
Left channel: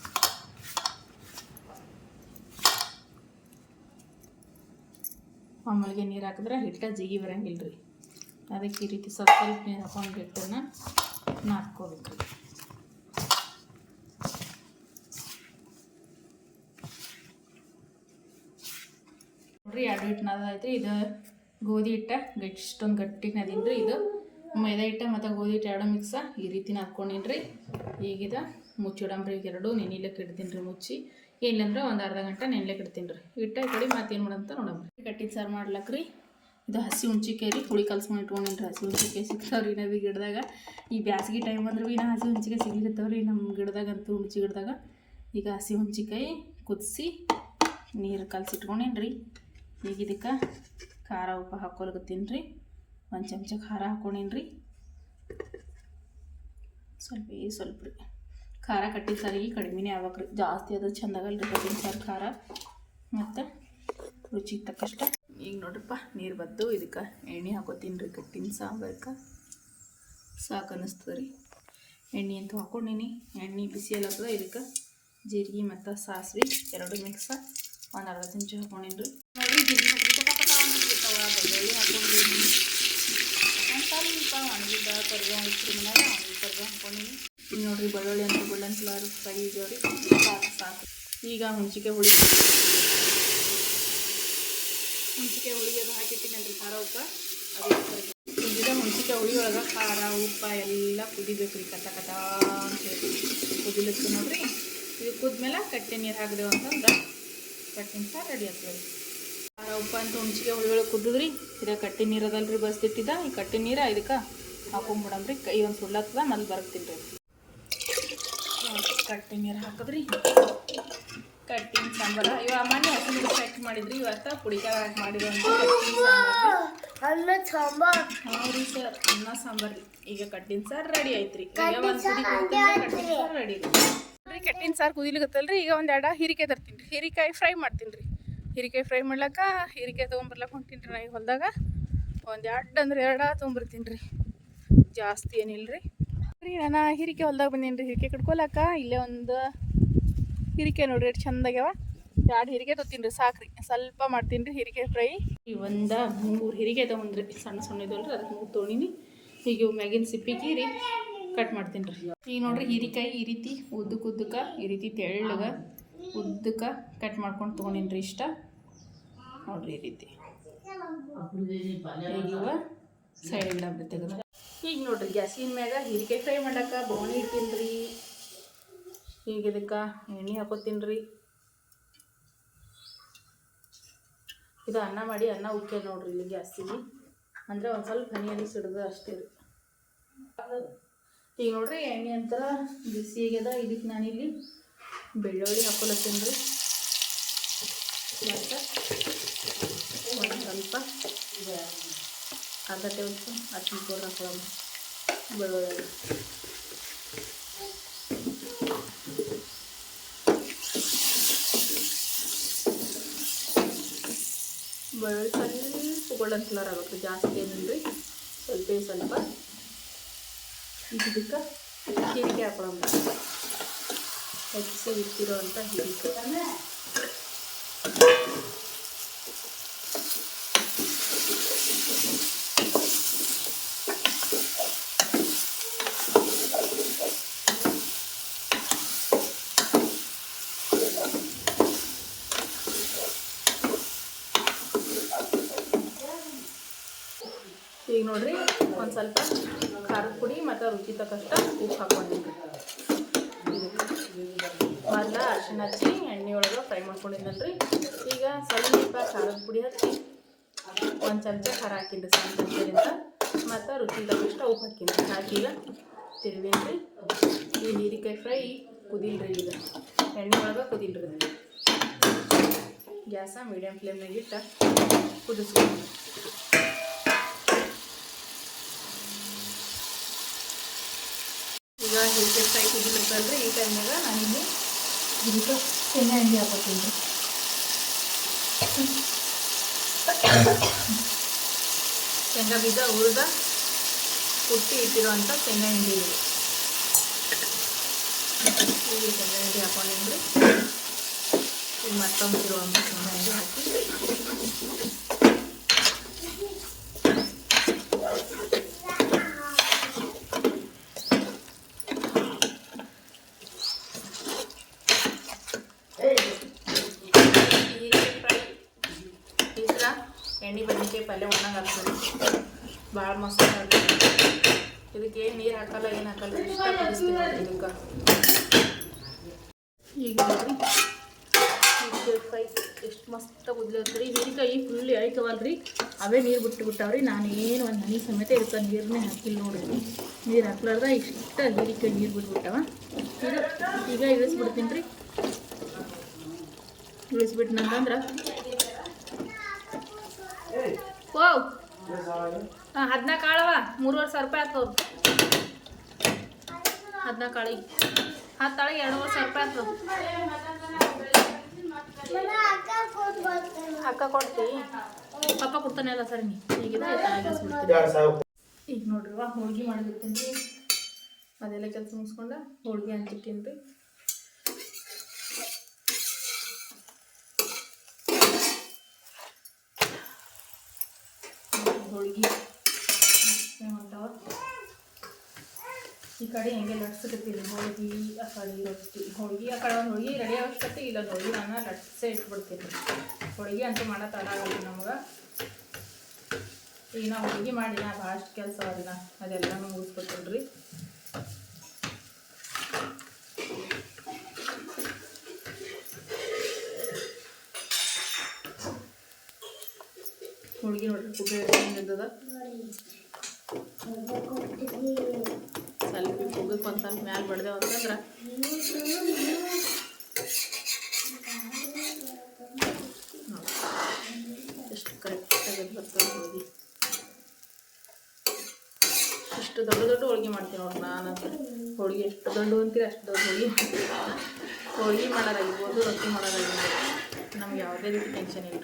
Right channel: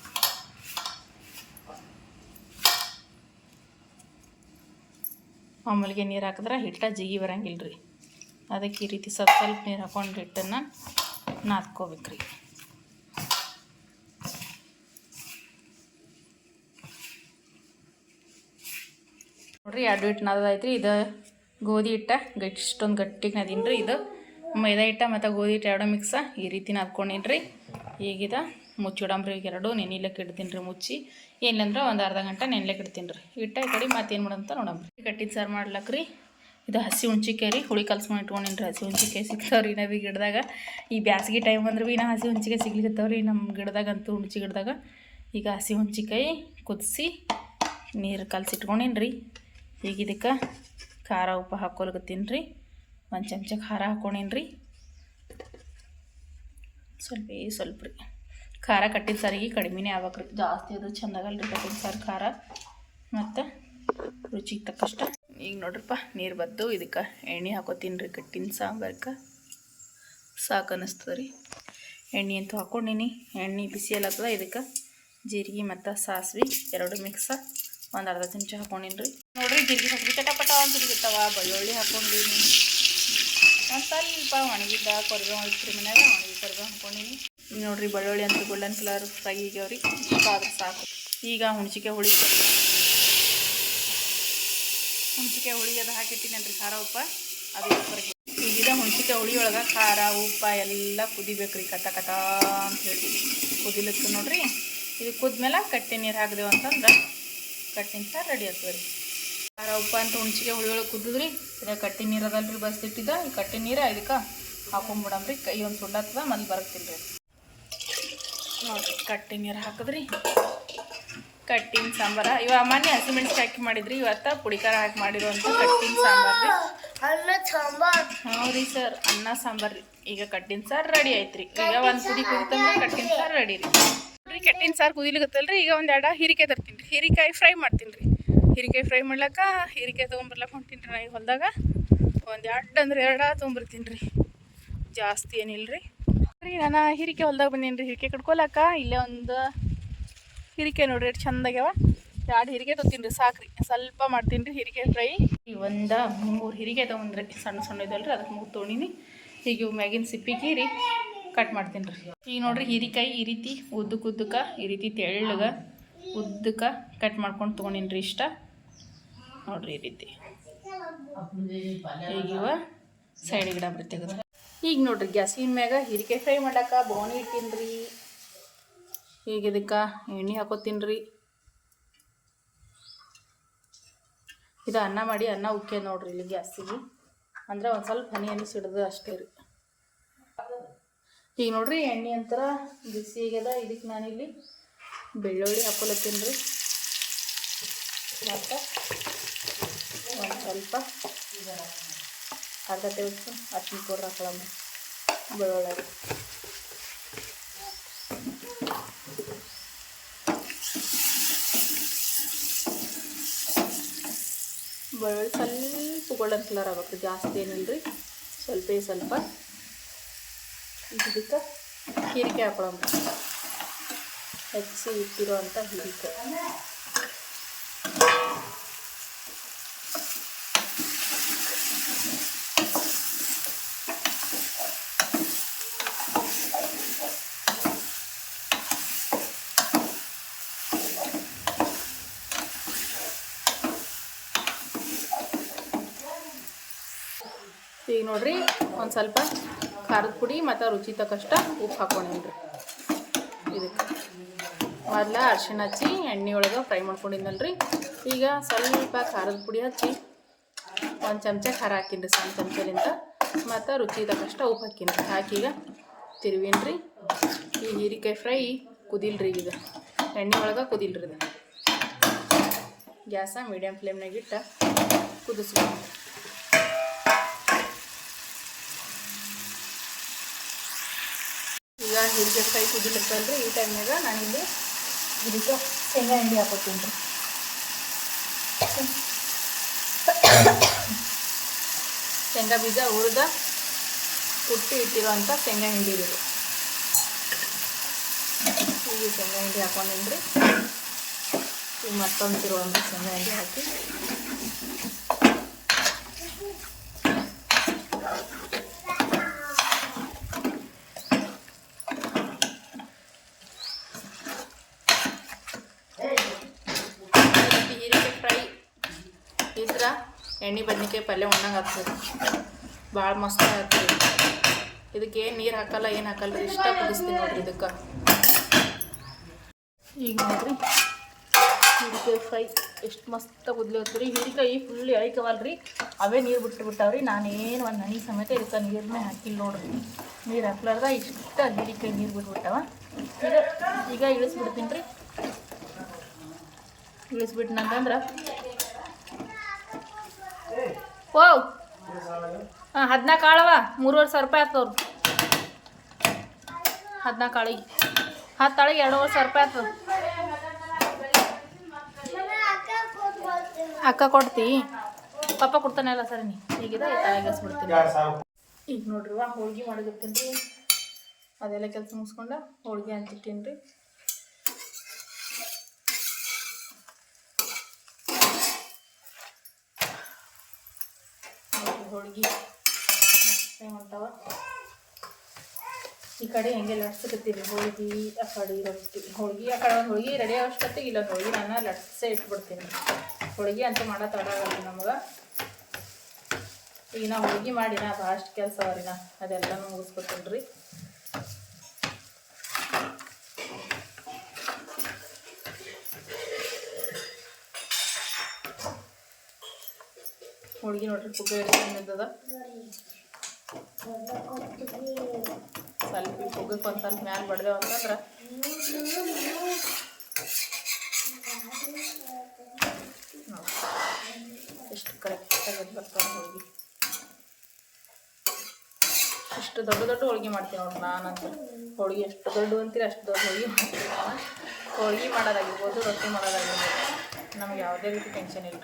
ಮಾಮೂಲಿಗೆ ನೀರು ಹಾಕಿದ್ರೆ ಹಿಟ್ಟ ಜಿಗಿ ಬರಂಗಿಲ್ಲ ರೀ. ಅದಕ್ಕೆ ಈ ರೀತಿ ಸ್ವಲ್ಪ ಸ್ವಲ್ಪ ನೀರು ಹಾಕೊಂಡು ಹಿಟ್ಟನ್ನು ನಾದ್ಕೋಬೇಕು ರೀ ನೋಡ್ರಿ, ಎರಡು ಹಿಟ್ಟು ನಾದೈತ್ರಿ ಇದು ಗೋಧಿ ಹಿಟ್ಟ, ಗಟ್ಟಿ ಇಷ್ಟೊಂದು ಗಟ್ಟಿಗೆ ಇದು. ಮೈದಾ ಹಿಟ್ಟ ಮತ್ತು ಗೋಧಿ ಹಿಟ್ಟು ಎರಡು ಮಿಕ್ಸ ಈ ರೀತಿ ನಾದ್ಕೊಂಡಿನ್ರಿ. ಈಗಿದ ಮುಚ್ಚಿಡಂಬ್ರಿ ಈಗ ಎರಡು ನೆನಿಲಕ್ಕೆ ಇಡ್ತೀನಿ ರೀ ಮುಚ್ಚಿ. ಏನಿಲ್ಲಂದ್ರೆ ಒಂದು ಅರ್ಧ ಗಂಟೆ ನೆನ್ಲಕ್ಕೆ ಇಡ್ತೀನಿ ರೀ ಹಿಟ್ಟ ಕಡೆ ಮತ್ತೇನು ಮಾಡಂತ ನೋಡಂಬ್ರಿ. ಕಟ್ಟಿದ ಸಾರು ಮಾಡ್ಲಕ್ಕ ರೀ ಇದು ಹಸಿ ಹುಣ್ಚಿಕಾಯಿ ರೀ. ಹುಳಿ ಕಲ್ಸ್ಕೊಂಡು ಇಟ್ಕೊಂಡಿನಿ ರೀ ಹಸಿ ಹುಣ್ಚಿಕಾಯಿ ಸಿಗ್ತಾವ್ರಿ ನಾವು ಗಿಡದಾಗ. ಈ ಬ್ಯಾಸ್ಗೆ ಟೈಮ್ ಅಂದ್ರೆ ಭೀ ಹಸಿ ಹುಣ್ಚಿಕಾಯಿ ಸಿಗ್ಲಿಕ್ಕತ್ತಾವ್ರಿ ನಮ್ಮ ಗಿಡದಾಗಂತೂ ಹುಣ್ಚಿ ಗಿಡದಾಗ. ಈಗ ಹಸಿ ಹುಣ್ಚಿಕಾಯಿ ಕುದಿಸಿ ನೀರು ಕಲಸಿ ರೀ ಈಗ ಇದಕ್ಕೆ ಖಾರ ಉಪ್ಪು ಹಾಕೊಲ್ಗತ್ತೀನಿ ರೀ ಒಂದು ಚಮಚ ಖಾರ ಹಾಕ್ಕೊಂಡಿನಿ ರೀ ಸ್ವಲ್ಪ ಸ್ವಲ್ಪ ರೀ. ಖಾರ ಕಟ್ಟಿದ ಸಾರಿಗೆ ಕಡಿಮೆನೇ ಆಗ್ಬೇಕು ರೀ. ಜಾಸ್ತಿ ಅದು ಚೆಂದಾಗಲ್ಲ ರೀ ಕಟ್ಟಿನ ಸಾರು ಖಾರ. ಮತ್ತು ರುಚಿಗೆ ತಕ್ಕಷ್ಟ ಈಗ ನೋಡ್ರಪ್ಪ, ನೀರು ಬದ್ದು ಇದಕ್ಕೆ ಎಣ್ಣೆ ಹಾಕೋತೀನಿ ರೀ ಕಟ್ಟಿನ ಸಾಂಬಾರ್ಕ. ಸಾಕು ಅನ್ನಿಸ್ತದೆ ರೀ ಎಣ್ಣೆ ಅಂತೂ ಹಾಕೊಂಡಿನಿ. ಎಣ್ಣೆ ಬಿಸಿ ಎಲ್ಲತ್ತದ ಇದಕ್ಕೆ ಜೀರಿಗೆ ಮತ್ತು ಸಾಸಿವೆ ಎರಡು ಮಿಕ್ಸ ಒಂದು ಅರ್ಧ ಚಮಚ ಹಾಕೊಂಡಿನಿ ರೀ ನೋಡಿರಿ, ಜೀರಿಗೆ ಹಾಕಿ ಚಟಪಟ ಅಂತ ಸಿಗುತ್ತವ ಬೆಳ್ಳುಳ್ಳಿ ಹಾಕೊಂಡಿನಿ. ಒಂದು ಸ್ವಲ್ಪ ಒಣಗಿದ್ದ ಕೊರ್ಗ ಒಣಗಿಸ್ರಿ ಮನ್ಯಾಗ, ಒಣಗಿ ಕೊರ್ಗ ಹಾಕೊಂಡಿನಿ. ಈಗ ನೋಡಿರಿ, ಬೆಳ್ಳುಳ್ಳಿ ಅಂತ ಗೋಲ್ಡನ್ ಕಲರ್ ಫ್ರೈ ಆಗ್ಯಾವ್ರಿ ಸಾಕು ಈಗ ಹುಣಸಿಕೆ ಹುಳಿ. ಹುಣ್ಚಿಕೆ ಹುಳಿ ಅದು ಹಾಕಿಟ್ಟಿನಿ ಖಾರ ಉಪ್ಪ. ಅದು ಈಗಿದೆ ಹುಣಸಿಕಾಯಿ ಹುಣ್ಸಿಕಾಯಿ ಹುಳಿ ಒಳಗೆ ಖಾರ, ಉಪ್ಪ ಎಲ್ಲ ಕುದಿಬೇಕು ರೀ ಕತ ಕತ ಅಂತ ಹೇಳಿ ಕುದಿಲತ್ತು ನೋಡ್ರಿ. ಇದು ಕುದ್ಮೇಲೆ ಕಟ್ಟೆ ನೀರು ಹಾಕಿದೆವು ಅಂತಂದ್ರೆ ಕಟ್ಟಿನ ರೆಡಿ ಆಗ್ತದೆ ರೀ. ಖಾರ, ಉಪ್ಪ ಅಂತ ಹುಣ್ಸಿಗೆ ಹುಳಿ ಒಳಗೆ ಕುದಿದ್ರಿ ಇದು ಕಟ್ಟಿ ನೀರು ಅದಲ್ರಿ ಬಸ್ದಿಟ್ಟಿದ್ದ ಈ ಕಟ್ಟಿ ನೀರು ಇದಕ್ಕೆ ಹಾಕೊಂಬಿಡಮ್ರಿ ಕೈ ಒಂದು ಸುಳ್ಳತ್ವ ಮೊದ್ಲು ಬರ್ತೀನಿ ರೀ ಕಟ್ಟಿ ನೀರು ಹಾಕಿದ್ರಿ. ಕಟ್ಟಿನ ಸಾಂಬಾರ. ಇವ ಮೊನ್ನೆ ಹಸಿಮೆಣಸು ಹಾಕಿ ಮಾಡಿದ್ರಿ ಇವತ್ತ ಪುಡಿ ಖಾರ ಹಾಕಿ ಮಾಡಿರುವಂಥ ಕಟ್ಟಿನ ಸಾಂಬಾರು ರೀ ಅನ್ನ ಸಾಂಬಾರ್. ಹ್ಞೂ ರೀ ಸರ್ ಅನ್ನ ಸಾಂಬಾರ್ ರೀ ಈಗ ಕಟ್ಟಿನ ಸಾರು ರೆಡಿ ಆಯ್ತು ರೀ ಈಗ ಒಂದು ಕುದಿ ಕುದಿತಂದ್ರೆ ಕಟ್ಟಿನ ಸಾರು ರೆಡಿ ರೀ. ನೋಡ್ರಿ ಕಟ್ಟಿನ ಸಾರು ಕುದಿಲಿಕತ್ತಲ್ರಿ. ಈಗ ಒಂದು ಎರಡು ಹೀರಿಕಾಯಿ ತರ್ತೀನಿ ರೀ. ಹೀರಿಕಾಯಿ ಫ್ರೈ ಮಾಡ್ತೀನಿ ರೀ. ಹೀರಿಕಾಯಿ ಫ್ರೈ ಮಾಡ್ಲಕ್ಕ ಹೀರಿಕಾಯಿ ತೊಗೊಂಬರ್ಲಕ್ಕ ಹೊಂಟೀನಿ ರೀ ನಾ ಈಗ ಹೊಲ್ದಾಗ. ಒಂದು ಎರಡು ಅಂದ್ರೆ ಎರಡ ತೊಗೊಂಬರ್ತೀನಿ ರೀ. ಜಾಸ್ತಿ ಏನಿಲ್ಲ ರೀ ರೀ ನಾನು ಹೀರಿಕೆ ಹೊಲ್ದಾಗ ಬಂದೀನಿ ರೀ. ಹೀರಿಕೆ ಕಟ್ಕೊಲಕ್ಕ ಇಲ್ಲೇ ಒಂದು ಹೀರಿಕಾಯಿ ನೋಡ್ರಿ, ಎಷ್ಟು ಚಂದಾಗ್ಯಾವ. ಎರಡು ಹೀರಿಗೆ ತೊತ್ತೀನಿ ಸಾಕ್ರಿ. ಸ್ವಲ್ಪ ಮಾಡ್ತೀನಿ ರೀ ಹೀರಿಗೆ ಫ್ರೈ ಈ ಒಂದು ಮೂರು ಹಿರಿಗೆ ತೊಗೊಂಡ್ರಿ. ಸಣ್ಣ ಸಣ್ಣ ಇದಲ್ರಿ ಅದಕ್ಕೆ ಮೂರು ತೊಗೊಂಡಿನಿ. ಈಗ ಇವು ಮ್ಯಾಗಿನ ಸಿಪ್ಪಿ ಕೀರಿ ಕಟ್ ಮಾಡ್ತೀನಿ ರೀ ಈಗ ನೋಡ್ರಿ ಹೀರಿಕಾಯಿ ಈ ರೀತಿ ಉದ್ದಕ್ಕೆ ಉದ್ದಕ್ಕೆ ಈ ರೀತಿ ತೆಳ್ಳಗೆ ಉದ್ದಕ್ಕೆ ಕಟ್ ಮಾಡ್ಕೊಂಡು ತೊಗೊಂಡಿನಿ ರೀ ಇಷ್ಟ. ನೋಡ್ರಿ ಈ ರೀತಿ. ಈಗ ಇವ ಸೈಡ್ ಗಿಡ ತೆಗೆದು ಈಗ ನೋಡ್ರಿ ಗ್ಯಾಸಿನ ಮ್ಯಾಗ ಹೀರಿಕಾಯಿ ಫ್ರೈ ಮಾಡಕ್ಕೆ ಬೋಣಿ ಇಡ್ತೀನಿ ರೀ ಈಗ ಇದಕ್ಕೆ ಎಣ್ಣೆ ಹಾಕೋತೀನಿ ರೀ ಇದು ಅನ್ನ ಮಾಡಿ ಅನ್ನ ಉಕ್ಕೆ ನೋಡ್ರಿ ಇಲ್ಲಿ ಗ್ಯಾಸಿಗೆ. ಅಂದರೆ ಒಂದು ಸ್ವಲ್ಪ ಹನಿ ಹನಿ ಸಿಡ್ದು ಅಷ್ಟೇ ರೀ. ಈಗ ನೋಡ್ರಿ ಎಣ್ಣೆ ಅಂತರ ಬಿಸಿ ಆಗ್ಯದ ಇದಕ್ಕೆ ನಾನಿಲ್ಲಿ ಬೆಳ್ಳುಳ್ಳಿ ಹಾಕೊಲತ್ತೀನಿ ರೀ. ಸ್ವಲ್ಪ ಅರ್ಧ ಟೇಬಲ್ ಸ್ಪೂನ್ ಕೂಡ ಹಾಕೊಳ್ಳೋಣ ಬೆಳ್ಳುಳ್ಳಿ. ಬೆಳ್ಳುಳ್ಳಿ ಸ್ವಲ್ಪ ಗೋಲ್ಡನ್ ಕಲರ್ ಆಗುತ್ತೆ ಜಾಸ್ತಿ ಏನಂದ್ರಿ ಸ್ವಲ್ಪ ಸ್ವಲ್ಪ ಇದಕ್ಕೆ ಹೀರಿಕೆ ಹಾಕೊಳ್ಳೋಣ ಹೆಚ್ಚಿ ಇಟ್ಟಿರುವಂಥ ಹೀರಿಕೆ ಈಗ ನೋಡ್ರಿ ಒಂದು ಸ್ವಲ್ಪ ಖಾರದ ಪುಡಿ ಮತ್ತು ರುಚಿ ತಕ್ಕಷ್ಟ ಉಪ್ಪು ಹಾಕೊಂಡಿದ್ರಿ ಮೊದಲ ಅರ್ಶಿಣ ಹಚ್ಚಿ ಎಣ್ಣೆ ಒಳಗೆ ಫ್ರೈ ಮಾಡ್ಕೊಂಡಿದ್ದಲ್ರಿ ಈಗ ಸ್ವಲ್ಪ ಖಾರದ ಪುಡಿ ಹಚ್ಚಿ ಒಂದು ಚಮಚ ಖಾರ ಹಾಕಿದ್ದು ಸಣ್ಣ ಮತ್ತು ರುಚಿ ತಕ್ಕಷ್ಟ ಉಪ್ಪು ಹಾಕಿನ್ರಿ ಹಾಕೀಗ ತಿರುವಿನ್ರಿ? ಈ ಹೀರಿಕಾಯಿ ಫ್ರೈ ಕುದಿಲ್ರಿ ಈಗ. ಎಣ್ಣೆ ಒಳಗೆ ಕುದಿಲ್ರಿ ಗ್ಯಾಸ ಮೀಡಿಯಮ್ ಫ್ಲೇಮ್ನಾಗ ಇಟ್ಟು ಕುದಿಸ್ಕೊಂಡು ಈ ಟೈಮ್ನಾಗ ನಾನಿಂದು ಇದಕ್ಕೆ ಶೇಂಗಾ ಎಣ್ಣೆ ಬೀಜ ಹುರಿದ ಕುಟ್ಟಿ ಇಟ್ಟಿರೋಂಥ ಶೇಂಗಾ ಹಿಂಡಿ ಇದು. ಶೇಂಗಾ ಹಿಂಡಿ ಹಾಕೊಂಡಿದ್ರಿ ಈಗ ಮತ್ತೊಂದು ಇರುವಂಥ ಶೇಂಗಾ ಹಿಂಡಿ ಹಾಕಿ ಹೀರಿಕಾಯಿ ಫ್ರೈ ಇದ್ರ ಎಣ್ಣೆ ಬದ್ನಿಕಾಯಿ ಪಲ್ಯ ಉಣ್ಣಂಗೆ ಆಗ್ತದೆ ಭಾಳ ಮಸ್ತ್ ಇದಕ್ಕೆ ಏನು ನೀರು ಹಾಕಲ್ಲ, ಏನು ಹಾಕಲ್ಲ ಇಷ್ಟ ಇದಕ್ಕೆ. ಈಗ ನೋಡ್ರಿ ಫ್ರೈ ಎಷ್ಟು ಮಸ್ತ್ ಈಗ ಹೀರಿಕಾಯಿ ಫುಲ್ ರೀ ಅವೇ ನೀರು ಬಿಟ್ಟು ಬಿಟ್ಟಾವ್ರಿ ನಾನೇನು ಒಂದು ಹನಿ ಸಮೇತ ಇದಕ್ಕೆ ನೀರನ್ನೇ ಹಾಕಿಲ್ಲ ನೋಡ್ರಿ. ನೀರು ಹಾಕ್ಲಾರ್ದ ಇಷ್ಟ ಹೀರಿಕಾಯಿ ನೀರು ಬಿಟ್ಬಿಟ್ಟವ. ಇದು ಈಗ ಇಳಿಸ್ಬಿಡ್ತೀನಿ ರೀ. ಇಳಿಸ್ಬಿಟ್ನಂತಂದ್ರೆ ಓ ಹಾಂ ಹದಿನಾಲ್ಕು ಆಳವ ಮೂರುವರೆ ಸಾವಿರ ರೂಪಾಯಿ ಆಗ್ತವ್ರು ಹದಿನಾಲ್ಕು ಆಳಿಗೆ ಹತ್ತು ಆಳಿಗೆ ಎರಡೂವರೆ ಸಾವಿರ ರೂಪಾಯಿ ಆಗ್ತವೆ ಅಕ್ಕ ಕೊಟ್ಟು ಪಾಪ ಕೊಡ್ತಾನೆ ಇಲ್ಲ ಸರ್ ನೀ ತಲೆಗೆಸ್ಬಿಡ್ತೀನಿ ಈಗ ನೋಡ್ರಿ ಹೋಳ್ಗೆ ಮಾಡಿರ್ತೀನಿ ರೀ ಅದೆಲ್ಲ ಕೆಲಸ ಮುಗಿಸ್ಕೊಂಡ ಹೋಳ್ಗೆ ಹಂಚಿಟ್ಟೀನಿ ರೀ ಹೋಳ್ಗೆ ಈ ಕಡೆ ಹೆಂಗೆ ಲಟ್ಸಕತ್ತೀರಿ ಹೋಳಿಗೆ ಆ ಕಡೆ ಲಟ್ಸ್ತೀವಿ ಹೋಳಿಗೆ ಆ ಕಡೆ ಒಂದು ಹೋಳಿಗೆ ರೆಡಿ ಆಗೋಷ್ಟೊತ್ತಿಗೆ ಇಲ್ಲೊಂದು ಹೋಳಿಗೆ ನಾನು ಲಟ್ಸೇ ಇಟ್ಬಿಡ್ತೀನಿ. ಹೋಳಿಗೆ ಅಂತ ಮಾಡೋ ತಡ ಆಗಲ್ಲ ನಮ್ಗೆ. ಈಗ ನಾವು ಹೋಳಿಗೆ ಮಾಡಿನ ಭಾಳಷ್ಟು ಕೆಲಸ ಅವರಿನ ಅದೆಲ್ಲ ಮುಗಿಸ್ಕೊಟ್ಬಿಡ್ರಿ. ಹೋಳಿಗೆ ನೋಡ್ರಿ ಪುಗ್ಗ ಹೆಂಗಿದ್ದದ ಸ್ವಲ್ಪ ಪುಗ್ಗಕ್ಕೆ ಒಂದು ಸ್ವಲ್ಪ ಮ್ಯಾಲೆ ಬಡ್ದೇವು ಅಂತಂದ್ರೆ ಎಷ್ಟು ಕರೆಕ್ಟಾಗಿ ಬರ್ತಾವೆ ಹೋಳಿಗೆ ಇಷ್ಟು ದೊಡ್ಡ ದೊಡ್ಡ ಹೋಳಿಗೆ ಮಾಡ್ತೀನಿ ನೋಡ್ರಿ ನಾನು ಹೋಳಿಗೆ ಎಷ್ಟು ದೊಡ್ಡ ಅಂತೀರಿ ಅಷ್ಟು ದೊಡ್ಡ ಹೋಳಿಗೆ ಮಾಡ್ತೀನಿ ಹೋಳಿಗೆ ಮಾಡೋದಾಗಿರ್ಬೋದು, ರೊಟ್ಟಿ ಮಾಡೋದಾಗಿರ್ಬೋದು. ನಮ್ಗೆ ಯಾವುದೇ ರೀತಿ ಟೆನ್ಷನ್ ಇಲ್ಲ.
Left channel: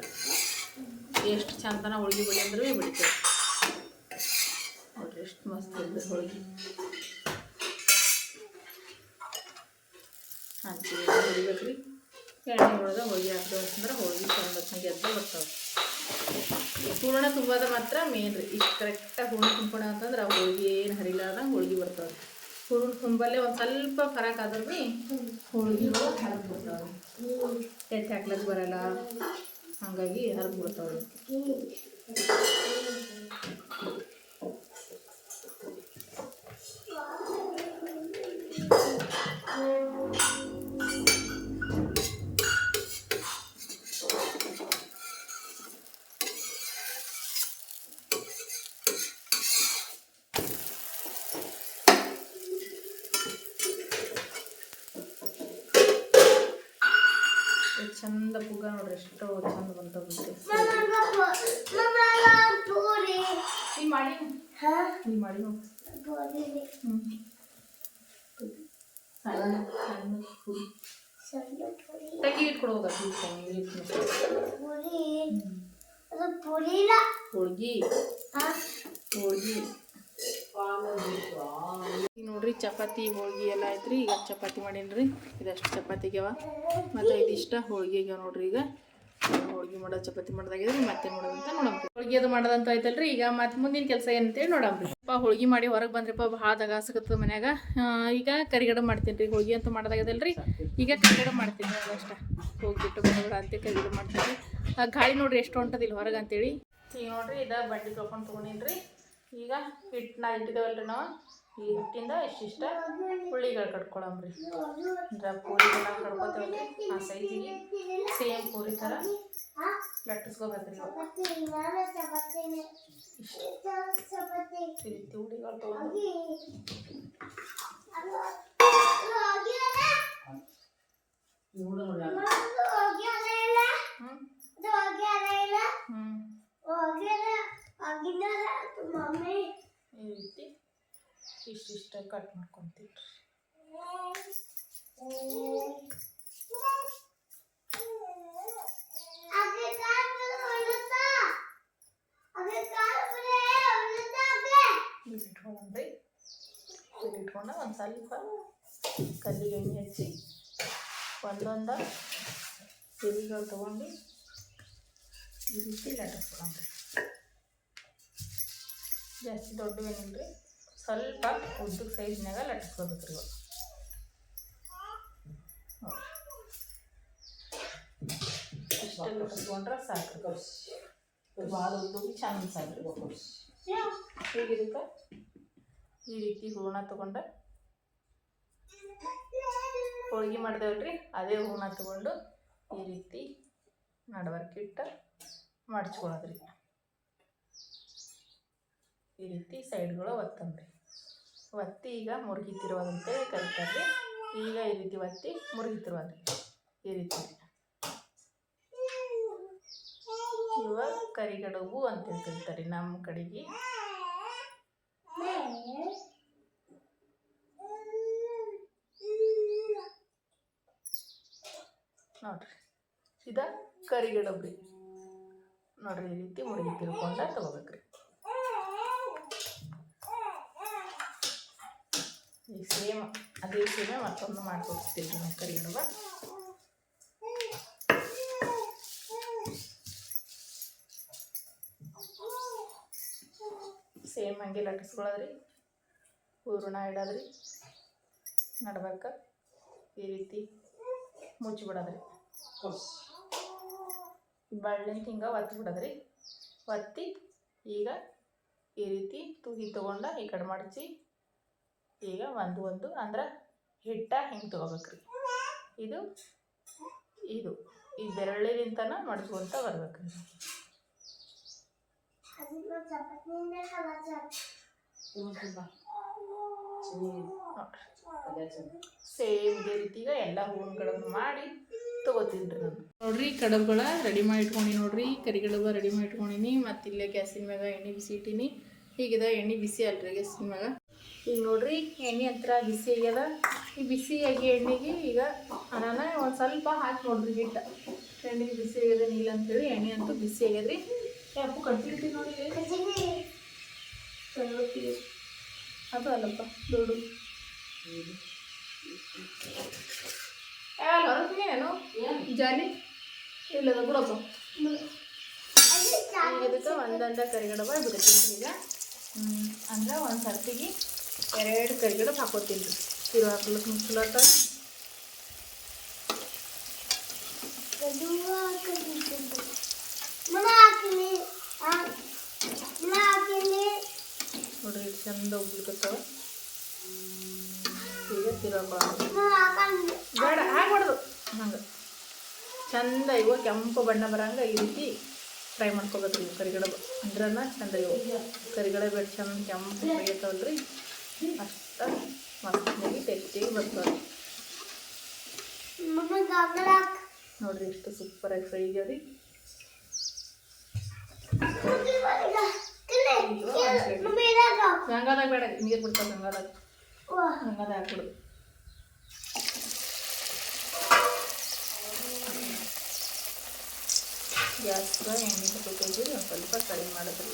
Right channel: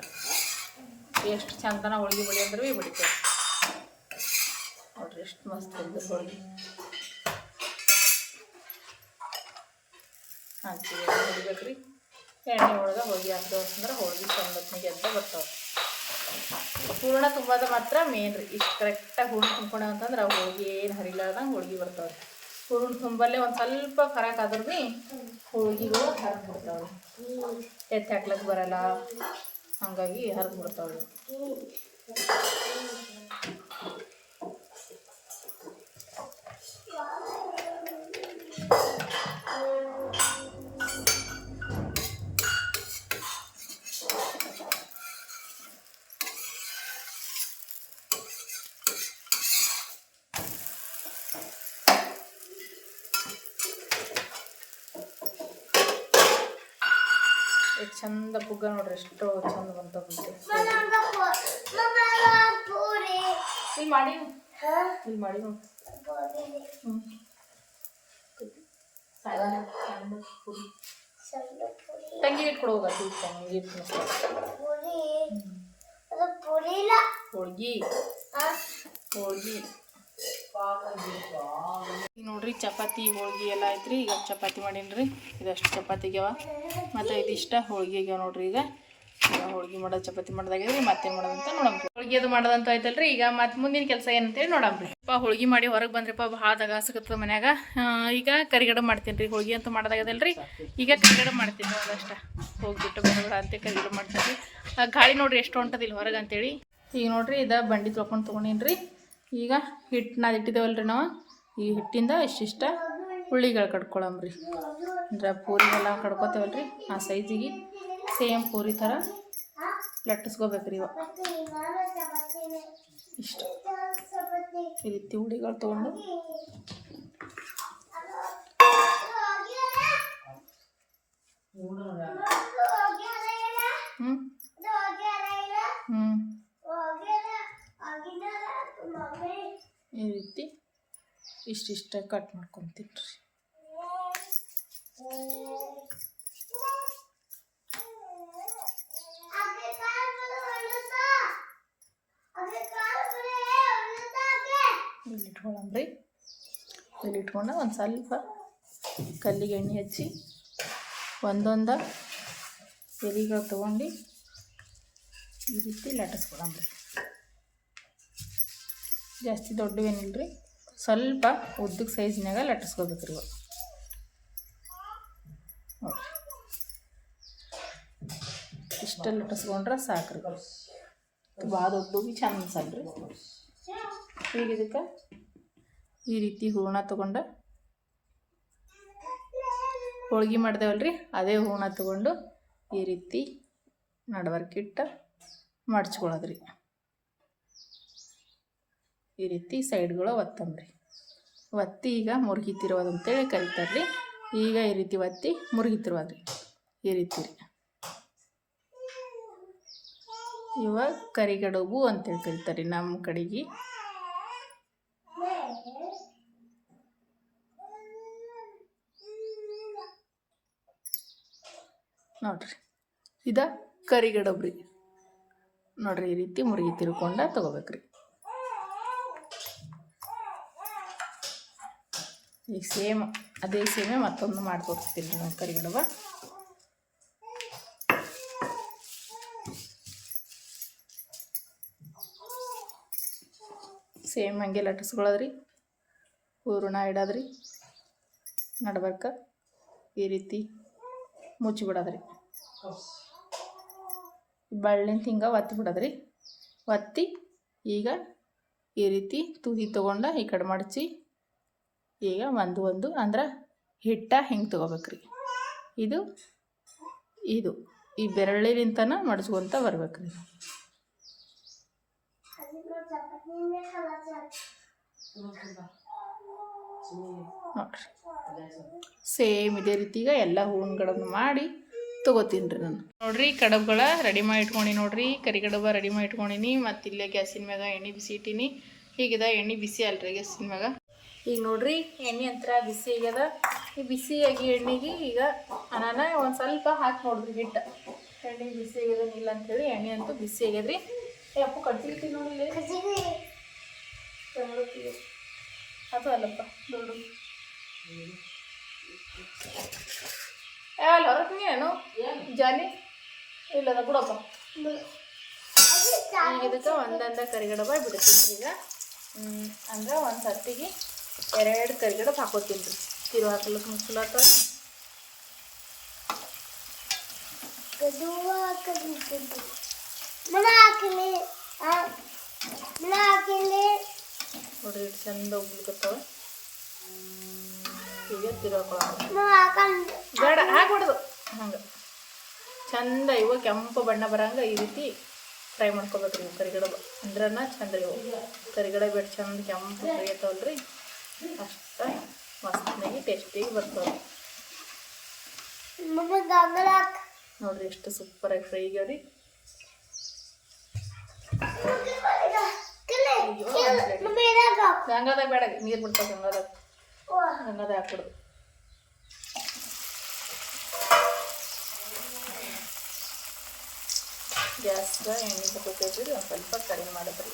ಎಷ್ಟು ಚಂದನ ಹೋಳಿಗೆ ಬಿಡಿ ಅಂದ್ರೆ ಬಿಡ್ತೀವಿ. ಮಸ್ತ್ ಇರ್ತದೆ ಹೋಳಿಗೆ ಹಂಚಿಗೆ ಹೊಡಿಬೇಕ್ರಿ ಎಣ್ಣೆ ಒಳಗೆ ಹೋಳಿಗೆ ಹಾಕಿದೆ ಅಂತಂದ್ರೆ ಹೋಳಿಗೆ ಚಂದ ಗೆದ್ದ ಬರ್ತಾವೆ ಹೂರ್ಣ ತುಂಬೋದ ಮಾತ್ರ ಮೇನ್ ರೀ ಇಷ್ಟು ಕರೆಕ್ಟಾಗಿ ಹೂರ್ಣ ತುಂಬ್ಕೊಂಡ ಅಂತಂದ್ರೆ ಹೋಳಿಗೆ ಏನು ಹರಿಲಾರ್ದಂಗೆ ಹೋಳಿಗೆ ಬರ್ತಾವೆ ಹೂರ್ಣ ತುಂಬಲ್ಲೇ ಒಂದು ಸ್ವಲ್ಪ ಫರಕ್ ಆದ್ರೆ ಹೋಳಿಗೆಗಳು ಹರಿದು ಬಿಡ್ತಾವೆ ಎತ್ತಿ ಹಾಕ್ಲಕ್ಕೆ ಬರಲ್ಲ ಹಾಗಾಗಿ ಹರಿದು ಬಿಡ್ತಾವೆ ಚಂದ ಪುಗ್ಗ ನೋಡ್ರಿ ಎಷ್ಟು ಚಂದ ಬಂತಾವೆ ಪೂರಿ ನೀ ಮಾಡಿ ಹಾ ನೀ ಮಾಡಿ ನೋಡು ಪೂರಿ ಹ್ಞೂ ಸಣ್ಣ ಸಣ್ಣ ಪುಡಿ ಸಣ್ಣ ಪೂರಿ ತಂಗಿ ಇಟ್ಕೊಡೋಗ ತಂಗಿ ಪೂರಿ ಅದು ಪೂರಿ ಇಲ್ಲ ಹೋಳ್ಗಿ ಹಾ ಹೋಳ್ಗಿ ಈಗ ನೋಡ್ರಿ, ಚಪಾತಿ, ಹೋಳ್ಗಿ ಎಲ್ಲ ಐತ್ರಿ. ಈಗ ಚಪಾತಿ ಮಾಡೀನಿ ಇದಷ್ಟು ಚಪಾತಿ ಆಗ್ಯಾವ. ಮತ್ತು ಇದಿಷ್ಟ ಹೋಳ್ಗಿ ಆಗ್ಯಾವ ನೋಡ್ರಿ ಈಗ. ಈಗ ಹೋಳ್ಗಿ ಮಾಡೋದು ಚಪಾತಿ ಮಾಡೋದಾಗಿದ್ರಿ, ಮತ್ತೇನು ಮಾಡೋದಂತ ನೋಡಮ್ರಿ ಹೋಳ್ಗಿ ಅದು ಮಾಡೋದಂತ ಆಯ್ತಲ್ರಿ ಈಗ ಮತ್ತೆ ಮುಂದಿನ ಕೆಲಸ ಏನಂತೇಳಿ ನೋಡಮ್ರಿ ಅಪ್ಪ ಹೋಳ್ಗಿ ಮಾಡಿ ಹೊರಗೆ ಬಂದ್ರಿಪ್ಪ ಭಾಳ ದಗಾಸಕತ್ತದ ಮನ್ಯಾಗ. ಈಗ ಕರಿಗಡ ಮಾಡ್ತೀನಿ ರೀ ಹೋಳ್ಗಿ ಅಂತ ಮಾಡ್ದಾಗದಲ್ರಿ. ಈಗ ಕರಿಗಡ ಮಾಡ್ತೀನಿ ಅದಷ್ಟ ಹೋಗ್ಬಿಟ್ಟು ಬರಬೇಡ ಅಂತ ಕರಿಗಡ ಮಾಡ್ತೀನಿ ಗಾಳಿ ನೋಡ್ರಿ ಎಷ್ಟು ಹೊಂಟದಿಲ್ಲ ಹೊರಗೆ ಅಂತೇಳಿ. ಈಗ ನೋಡ್ರಿ, ಇದ ಬಂಡಿ ತೊಳ್ಕೊಂಡು ತೊಗೊಂಡೀನಿ ಈಗ ಹಿಟ್ಟನ್ನ ಇಟ್ಟಿದ್ದೇವಲ್ರಿ ನಾವು. ಈ ಹಿಟ್ಟಿಂದ ಇಷ್ಟಿಷ್ಟ ಹುಳ್ಳಿಗಳು ರೀ ಅಂದ್ರೆ ಪೂರಿಗೆಲ್ಲ ರೀ ಆ ಸೈಜಿಗೆ ಸೇಮ್ ಪೂರಿ ಥರ ಲಟ್ಟಿಸ್ಕೋಬೇಕ್ರಿ ರೀ ಇಷ್ಟು. ಈ ರೀತಿ ಹುಳಿಗಳು ತೊಗೊಂಡು. ಹ್ಞೂ ಹ್ಞೂ ಈ ರೀತಿ ಇಷ್ಟಿಷ್ಟ ಕಟ್ ಮಾಡ್ಕೊತೀನಿ ರೀ ಇಲ್ಲಿ ಇಟ್ಕೊಂಡು ಒಂದು ಸ್ವಲ್ಪ ಕಲ್ಲಿಗೆ ಎಣ್ಣೆ ಹಚ್ಚಿ ಒಂದೊಂದ ಎಲೆಗಳು ತೊಗೊಂಡು ಈ ರೀತಿ ಲಟ್ಟಿಸ್ಕೊಳಮ್ರಿ ಜಾಸ್ತಿ ದೊಡ್ಡವೇನಿಲ್ಲ ರೀ ಸ್ವಲ್ಪ ಉದ್ದಕ್ಕೆ ಸೈಜ್ನಾಗ ಲಟ್ಟಿಸ್ಕೋಬೇಕು ರೀ ಇಷ್ಟು ಲಟ್ಟಿಸ್ಕೊಂಡ್ರೆ ಸಾಕು ರೀ ಭಾಳ ದೊಡ್ಡ ಚಂದ ಅನ್ಸಲ್ಲ ರೀ ಈಗ ಇದಕ್ಕೆ ಈ ರೀತಿ ಹೂರ್ಣ ತೊಗೊಂಡು ಹೋಳ್ಗೆ ರೀ ಅದೇ ಹೂರ್ಣ ತೊಗೊಂಡು ಈ ರೀತಿ ನಡವರ್ಕಿಟ್ಟು ಮಡ್ಚ್ಕೊಳ್ಳೋದ್ರಿ. ಈ ರೀತಿ ಸೈಡ್ಗಳು ಒತ್ತಂಬ್ರಿ. ಒತ್ತಿ ಈಗ ಮುರುಗಿತಿರೋದು ಅಂತೇಳಿ ಕರಿತಾರೆ ರೀ ಈಗ ಈ ರೀತಿ ಒತ್ತಿ ಮುರುಗಿತಿರೋದ್ರಿ ಈ ರೀತಿ ರೀ ಇವಾಗ ಕರಿಗಡುಬು ಅಂತೇಳಿ ಕರಿತಾರೆ ನಮ್ಮ ಕಡೆಗೆ. ನೋಡ್ರಿ. ಇದ ಕರಿಗಡಬ್ರಿ ನೋಡ್ರಿ ಈ ರೀತಿ ಮುರುಗಿ ತಿರ್ಕೊಂಡ ತಗೋಬೇಕ್ರಿ. ಈಗ ಸೇಮ್ ಅದೇ ಸೇಮೆ ಮತ್ತೊಂದು ಮಾಡ್ಕೊಡ್ತೀನಿ ರೀ ಒಂದು ಕರಿಗಡಬ ಸೇಮ್ ಹಂಗೆ ಲಟ್ಟಿಸ್ಕೊಳ್ಳೋದ್ರಿ. ಹೂರಣ ಇಡೋದ್ರಿ. ನಡ್ಬೇಕು ಈ ರೀತಿ ಮುಚ್ಚಿಬಿಡೋದ್ರಿ. ಬಳ್ಳಿನ ಹಿಂಗೆ ಒತ್ತಿ ಬಿಡೋದ್ರಿ ಒತ್ತಿ ಈಗ ಈ ರೀತಿ ತುದಿ ತೊಗೊಂಡು ಈ ಕಡೆ ಮಡಚಿ ಈಗ ಒಂದು ಒಂದು ಅಂದ್ರೆ ಹಿಟ್ಟ ಹೆಂಗೆ ತೊಗೋಬೇಕ್ರಿ? ಇದು ಇದು. ಈ ಬೆರಳಿನಿಂತನ ಮಡ್ಚ್ಕೊಂತ ಬರ್ಬೇಕ್ರಿ. ಸೇಮ್ ಇದೇ ರೀತಿಗ ಎಲ್ಲ ಹೂವುಗಳನ್ನು ಮಾಡಿ ತಗೋತೀನಿ ರೀ ನಾನು. ನೋಡ್ರಿ ಕಡಬುಗಳ ರೆಡಿ ಮಾಡಿ ಇಟ್ಕೊಂಡು ನೋಡ್ರಿ ಕರಿ ಕಡಬ ರೆಡಿ ಮಾಡಿ ಇಟ್ಕೊಂಡಿನಿ ಮತ್ತು ಇಲ್ಲೇ ಗ್ಯಾಸಿನ ಮ್ಯಾಗ ಎಣ್ಣೆ ಬಿಸಿ ಇಟ್ಟೀನಿ. ಹೀಗಿದೆ ಎಣ್ಣೆ ಬಿಸಿ ಅಲ್ರಿ, ಗ್ಯಾಸಿನ ಮ್ಯಾಗ. ಈಗ ನೋಡ್ರಿ, ಎಣ್ಣೆ ಹತ್ರ ಬಿಸಿ ಆಗ್ಯದ. ಈ ಬಿಸಿಯಾಗಿ ಎಣ್ಣೆಗೆ ಈಗ ಅನಾನ ಒಂದು ಸ್ವಲ್ಪ ಹಾಕಿ ನೋಡ್ರಿ ಹಿಟ್ಟು. ಎಣ್ಣೆ ಬಿಸಿ ಆಗ್ಯದ ಇಲ್ಲ ಅಂತೇಳಿ, ಎಣ್ಣೆ ಅಂತೂ ಬಿಸಿ ಆಗ್ಯದ್ರಿ. ಅಪ್ಪು ಕಟ್ಟಿರ್ತೀವಿ ನೋಡಿ. ಅದು ಅಲ್ಲಪ್ಪ ನೋಡು ಅಲ್ಲ ಏನು? ಜಾನಿ ಇಲ್ಲದ ಬಿಡಪ್ಪ. ಇದಕ್ಕೆ ಒಂದೊಂದ ಕರಿಗಡಬ ಬಿಡ್ತೀನಿ ಈಗ. ಅಂದ್ರೆ ಒಂದು ಸರ್ತಿಗೆ ಎರಡು ಕರಿಗಡಬ ಹಾಕೋತೀನಿ ಇದು ಹಾಕ್ಲಿಕ್ಕೆ ಹಾಕಲಿ ನೋಡ್ರಿ ಚಂದ ಉಗ್ಲಿಕತ್ತವ ಈಗ ಬೇಡ ಹಾಕ್ಬಾರ್ದು ಹಂಗೆ. ಚಂದ ಇವಾಗ ಕೆಂಪು ಬಣ್ಣ ಬರಂಗ ಈ ರೀತಿ ಫ್ರೈ ಮಾಡ್ಕೊಬೇಕ್ರಿ ಕರಿಗಡಬ ಅಂದ್ರನ ಚಂದ ಇವು ಕರಿಗಡಬ ಚಂದ ಕೆಂಪು ಫ್ರೈ ಇರ್ತಾವಲ್ರಿ. ಅಷ್ಟ ಮಸ್ತಾಗಿ ಟೇಸ್ಟಿಗೆ ಬರ್ತವೆ ಮಮ್ಮ ದಾಗಲ ಹಾಕ ನೋಡ್ರಿ ಎಷ್ಟು ಸೂಪರಾಗಿ ಫ್ರೈ ಆಗ್ಯಾವ್ರಿ ಮುಟ್ಟಿ ಬರಿಗ ಕಲೆ ಮಮ್ಮ ಏನಾಗ ಗಂಗಾದಾಗ ಬೇಡ, ನೀರು ಬಿಡ್ತಾವ ಗಂಗಾದಾಗ ವಾ ಗಂಗಾದಾಗ ಹಾಕ್ಬಿಡು ಗ್ಯಾಸ್ಗ ಎಣ್ಣೆ ತಗೋತೀವಿ ಒಂದು ಸ್ವಲ್ಪ ಕಡಿಮೆ ಮಾಡಿದ್ರಿ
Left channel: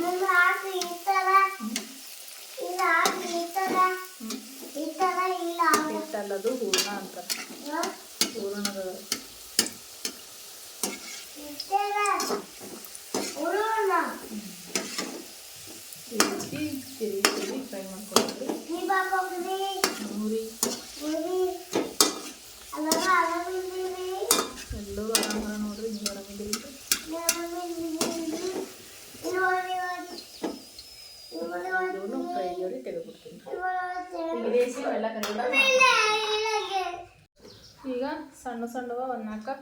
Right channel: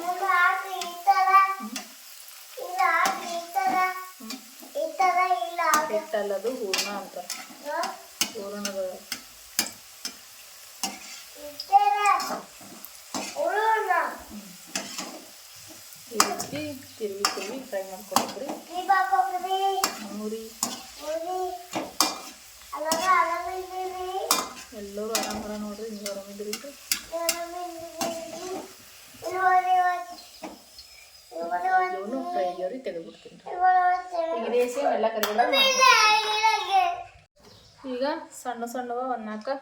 ಮಮ್ಮ ಹಾಕಿ ಈ ತರ ಇಲ್ಲ ಹಾಕಿ ಈ ತರ ಈ ತರ ಇಲ್ಲ ಹಾಕ ಹಿಟ್ಟಲ್ಲದು ಹೂರ್ಣ ಅಂತ ಹೂರ್ಣದ ಈ ತರ ಉರುಣ ಈ ರೀತಿ ತಿರುಗಿ ತಿರುಗಿ ಫ್ರೈ ಮಾಡ್ಕೊಳ್ತೀವಿ ಈ ಬಾಗೋಗ್ರಿ ಮೂರಿ ಮುರಿ ಅಲಗ ಅಲಮಿಂದ್ರಿ ಎಲ್ಲರೂ ಆರಾಮ ನೋಡ್ರಿ ನೀವು ಆರಾಮಿದ್ದೀರಿ ಇವನು ಫ್ರೈ ಆಗ್ಯಾವ್ರಿ ತೆಗೆದ್ಬಿಡ್ತೀನಿ ಈಗ ದೇಸಿ ಎಲ್ಲ ಕರಿಬೇಡ ಈಗ ಸಣ್ಣ ಸಣ್ಣವ ಒಂದು ನಾಲ್ಕು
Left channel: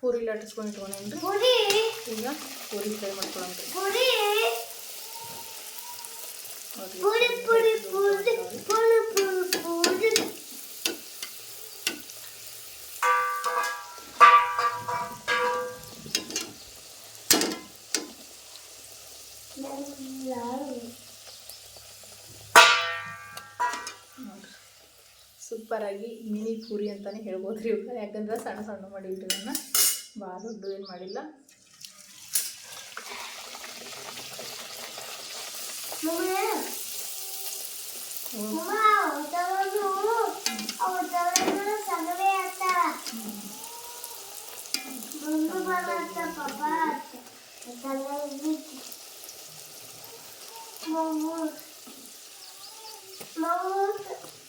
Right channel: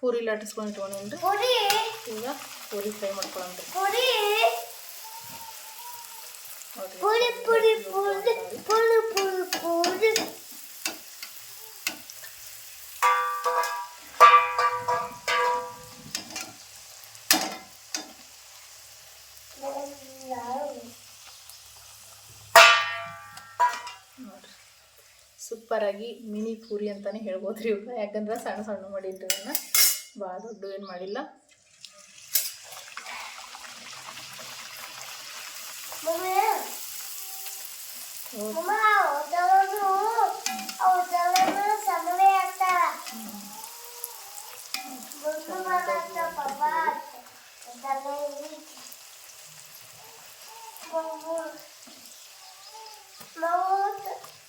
ಪೂರಿ ಲಟ್ಟಿಸ್ಕೊಂಡು ಇಟ್ಕೊಂಡೇನ್ರಿ ಈಗ ಪೂರಿ ಫ್ರೈ ಮಾಡ್ಕೊಂಡ್ರಿ ನೋಡ್ರಿ ಸೂಪರಾಗಿ ಮಿನಿ ಪೂರಿ ಅಂತಲೇ ಹೇಳ್ಬೋದು ರೀ ಇವಾಗ ಯಾಕಂದ್ರೆ ಸಣ್ಣ ಸಣ್ಣ ಮಾಡಿದ್ರು ನನ್ನ ಭಾಳ ದೊಡ್ಡ ಏನು ಮಾಡಿಲ್ಲ.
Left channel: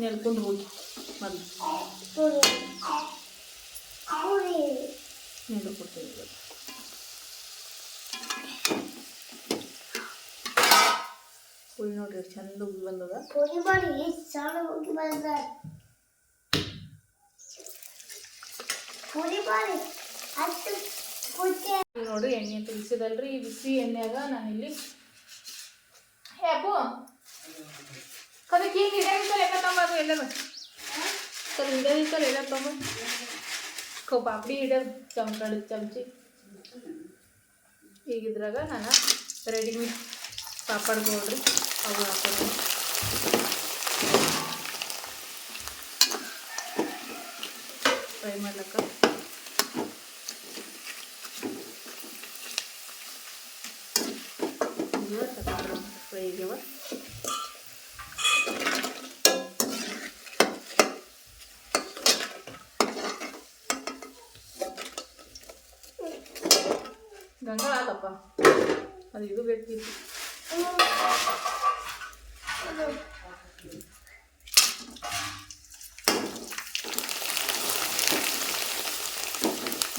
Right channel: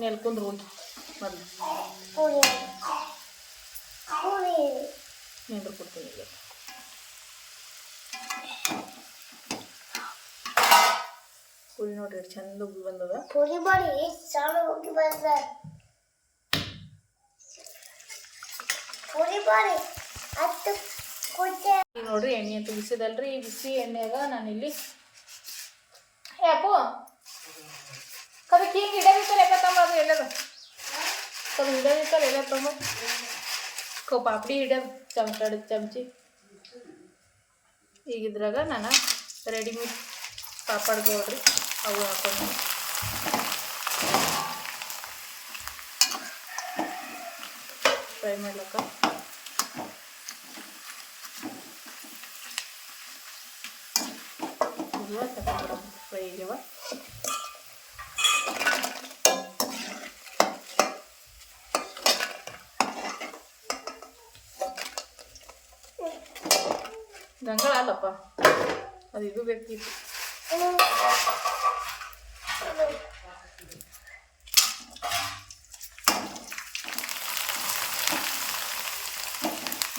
ನೆಲ್ಕೊಂಡು ಹೋಗಿ. ನೀರು ಕೊಡ್ತೀವಿ ಪೂರಿ ನೋಡ್ರಿ ಚಂದ ಉಪ್ಪು ಬಂದದ. ಪೂರಿ ಮಾಡಿ ಸಾಲು ಹೋಗಿ ಬಂದ. ಪೂರಿ ಮಾಡಿ ಹತ್ತು ನೋಡ್ರಿ ಎಣ್ಣೆ ತುರಿಸಿದಲ್ರಿ ಈ ಬಿಸಿ ಎಣ್ಣೆಗ ನಾನಿಲ್ಲಿ. ಏ ಅಪ್ಪು ಕದಕ್ಕೆ ಹಿಂಗೆ ಇಡದಿತ್ತಲ್ಲ ಎಕ್ಕ ತಮ್ಮ ಎಲ್ಲರ ಕದ ಇಡದಿತ್ತಲ್ಲ ಎಲ್ಲ ತಮ್ಮ ಕೊ ಪಾಪಡಿ ಇಡ ಚಮಚ ಚಮಚಿ ಈಗ ಇದ್ರಾಗ ನಾನು ರೆಡಿಮೇಡ್ ಪಾಪಡ್ಗೆ ಹೋಗಿ ಅವು ಫ್ರೈ ಮಾಡಕ್ಕೆ ಅದು ಇದು ಬೇಕಿತ್ತು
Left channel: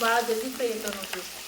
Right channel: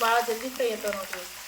ಭಾಳ ಜಲ್ದಿ ಫ್ರೈ ಐತೆ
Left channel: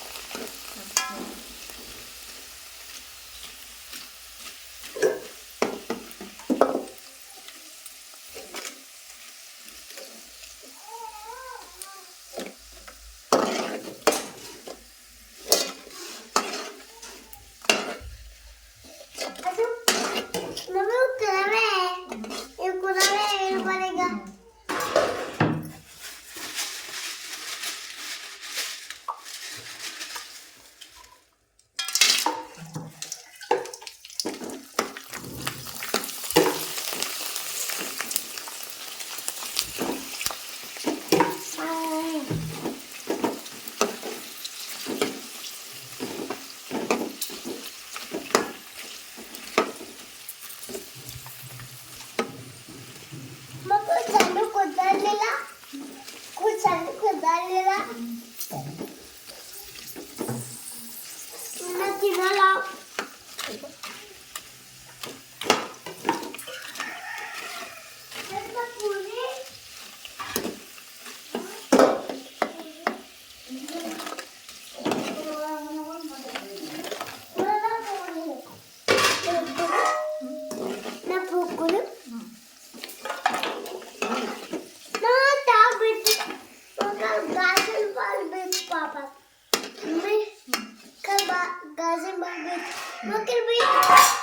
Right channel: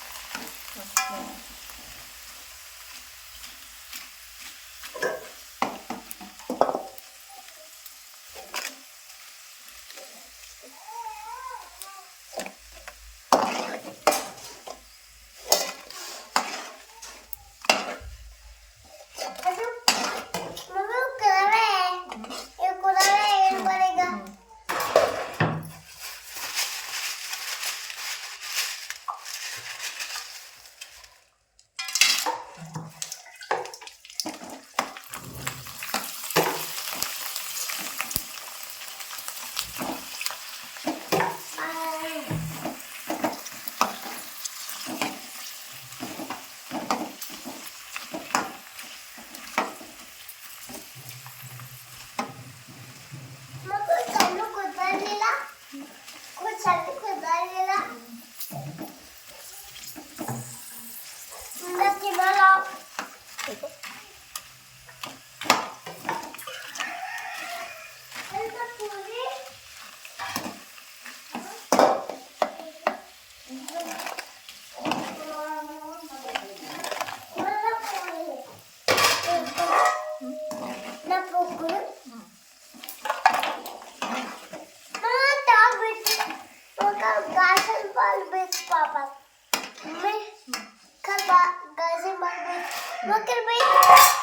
Bakın benim.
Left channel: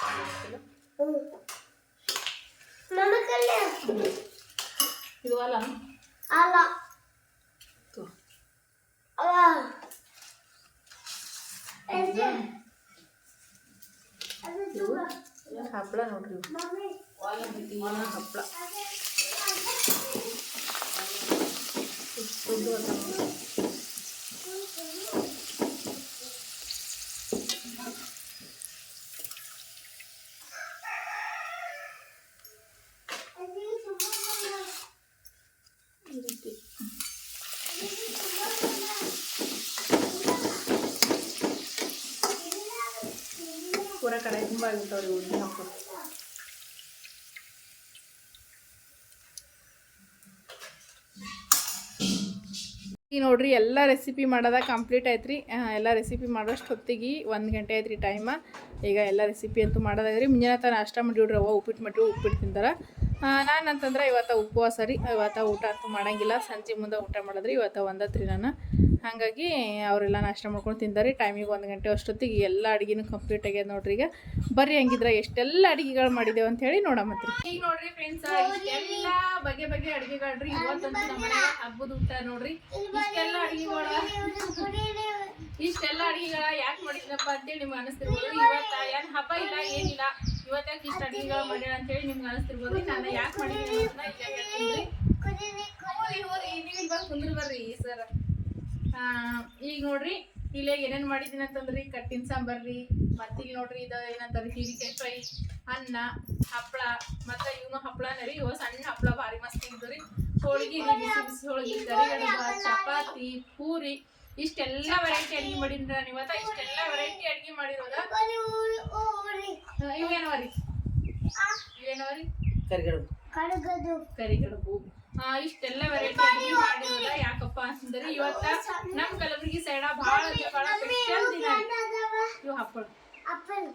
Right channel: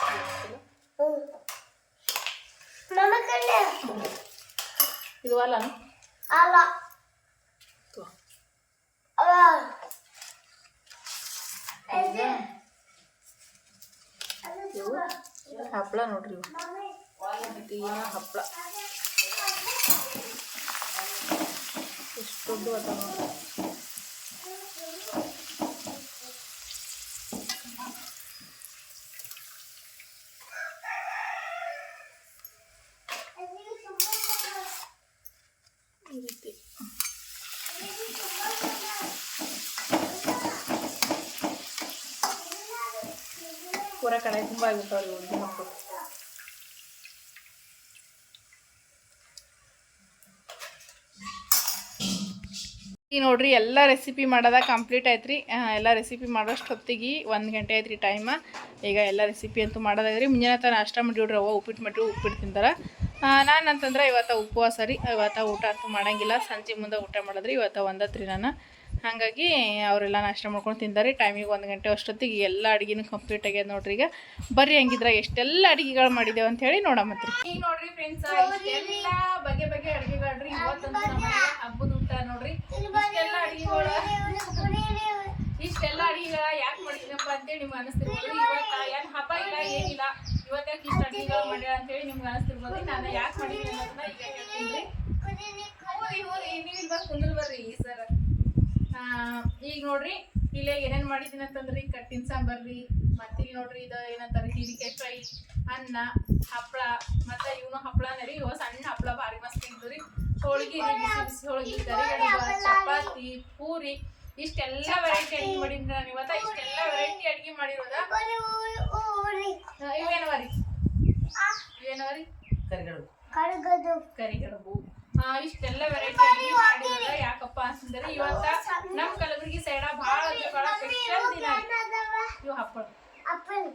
ನೋಡ್ರಿ, ಎಲ್ಲ ರೆಸಿಪಿ ಮಾಡೋದ ಕಂಪ್ಲೀಟ್ ಆಯ್ತು ರೀ ಎಲ್ಲ ರೆಸಿಪಿ ಮಾಡೋಷ್ಟು ಹೊತ್ತಿಗೆ ಒಂದು ಗಂಟೆ ಆಯ್ತು ರೀ ಟೈಮ ಈಗ ಎಲ್ಲ ರೆಸಿಪಿ ಅಂತೂ ಮಾಡೋದಾಗ್ರಿ. ಮುಂಜಾನೆ ತನ ನಾಷ್ಟ ಮಾಡಿಬಿಡ್ರಿ ಅವ ಉಪ್ಪಿಟ್ಟು ಮಾಡಿರಿ ಉಪ್ಪಿಟ್ಟು ತಿಂತಾರೆ ನಾನು ಅಂತಂದ್ರೆ ಇವತ್ತು ಉಪವಾಸ ರೀ. ಇವತ್ತು ಊಟ ಅಂತೂ ಮಾಡಂಗಿಲ್ಲ. ಸಂಜೆ ಮುಂದೆ ಊಟ ಮಾಡಿದ್ರಿ, ಇವತ್ತು ಒಂದತ್ರಿ ನಾನು. ಹಾಗಾಗಿ ಅವರೆಲ್ಲ ನಾಷ್ಟ ಮಾಡ್ಕೊಂಡು ತಿಂದಾರಿ. ಟೈಮಿಗೆ ಒಂದು ಗಂಟೆ ಅಷ್ಟೊತ್ತಿಗೆ ಎಲ್ಲ ಅಡುಗೆನೂ ಕಂಪ್ಲೀಟ್ ಆಗ್ಯದ ನೋಡ್ರಿ ಈಗ. ಬರ್ರಿ ಹಂಗಿದ್ರೆ ಎಷ್ಟೆಲ್ಲ ಅಡುಗೆಗಳು ಮಾಡಿದ್ದೇವೆ ಅಂತ ಹೇಳಿ ನೋಡಮತ್ರಿ ಈಗ ನೋಡ್ರಿ ಫ್ರೆಂಡ್ಸ್ ಇಷ್ಟೆಲ್ಲ ಬಗೆ ಬಗೆ ಅಡುಗೆಗಳ್ರಿ ಇವತ್ತಂತೂ ನಮ್ಮ ಹಬ್ಬದ ಊಟ ನೋಡ್ರಿ. ಇಷ್ಟೆಲ್ಲ ಅಡುಗೆಗಳ ಇಷ್ಟೆಲ್ಲ ಅಡುಗೆಗಳ ಯಾಕೆ ಮಾಡಿದ್ನಪ್ಪ ಅಂತೇಳಿ ನಿಮ್ಗೆ ಅನಿಸ್ತಿರ್ಬೋದು. ಇವತ್ತ ಏನು ಹಬ್ಬ ಇಲ್ಲ ಏನಿಲ್ಲ. ಇವತ್ತು ಯಾಕೆ ಇಷ್ಟು ಅಡುಗೆಗಳು ಮಾಡ್ಯಾಳ ಅಂತೇಳಿ ನಿಮ್ಗೆ ಅನಿಸ್ತಿರ್ಬೋದು. ನಾನು ಯಾಕೆ ಮಾಡಿದ್ದೀನಿ ಅನ್ನೋದನ್ನ ಈಗ ಹೇಳ್ತೀನಿ ಹೋರಿ ಹೋರಿ ನೀವು ಇಲ್ಲಿ ಬಂದು ಕುಂದ್ರ ಬರ್ರಿ ಸರ್. ಈಗ ನೋಡ್ರಿ ಇಲ್ಲೇ ಏನೇನು ಮಾಡಿದ್ದೀನಿ ಅಂತಂದ್ರಿ ಕಟ್ಟಿನ ಸಾಂಬಾರ್ರಿ ಮತ್ತೆ ಇಲ್ಲಿ ನೋಡ್ರಿ ಇದು ಏನಂತಾರೆ ಹೀರಿಕಾಯಿ ಫ್ರೈ ಅನ್ನ ಹಪ್ಪಳ ಮತ್ತು ಇವನು ಹಪ್ಪಳನ ರೀ ಇವ ಸಣ್ಣ ಹಪ್ಪಳ ಭಾರಿ ಮಸ್ತ್ ಇದ್ದು ರೀ ಹೋಳ್ಗಿ ರೀ ಬಿಸಿ ಬಿಸಿ ಹೋಳ್ಗಿ ಕರಿಗಡಬ ಚಪಾತಿ ಪೂರಿ ಇಷ್ಟೆಲ್ಲ ವೆರೈಟಿ ಅಡ್ಗೆ ಮಾಡಿದ್ರ ನಾನು ಇವತ್ತ ಇಷ್ಟೆಲ್ಲ ವೆರೈಟಿ ಅಡ್ಗೆ ಮಾಡಿರೋದ. ಇವೇನವ ರೀ? ಇವೇನವ ರೀ? ಕರಿಗಡುಬು. ಕರಿಗಡುಬು. ಇಷ್ಟೆಲ್ಲ ವೆರೈಟಿ ಅಡಿಗೆ ಮಾಡಿರೋದ? ಯಾಕಪ್ಪ ಅಂತಂದ್ರೆ ಇವತ್ತ ನಮ್ ಕಲಬುರಗಿ ಸೈಡ ಬಹಳ ಬಹಳ ಸ್ಪೆಷಲ್ ದಿನ ಇವು ಹಪ್ಪಳ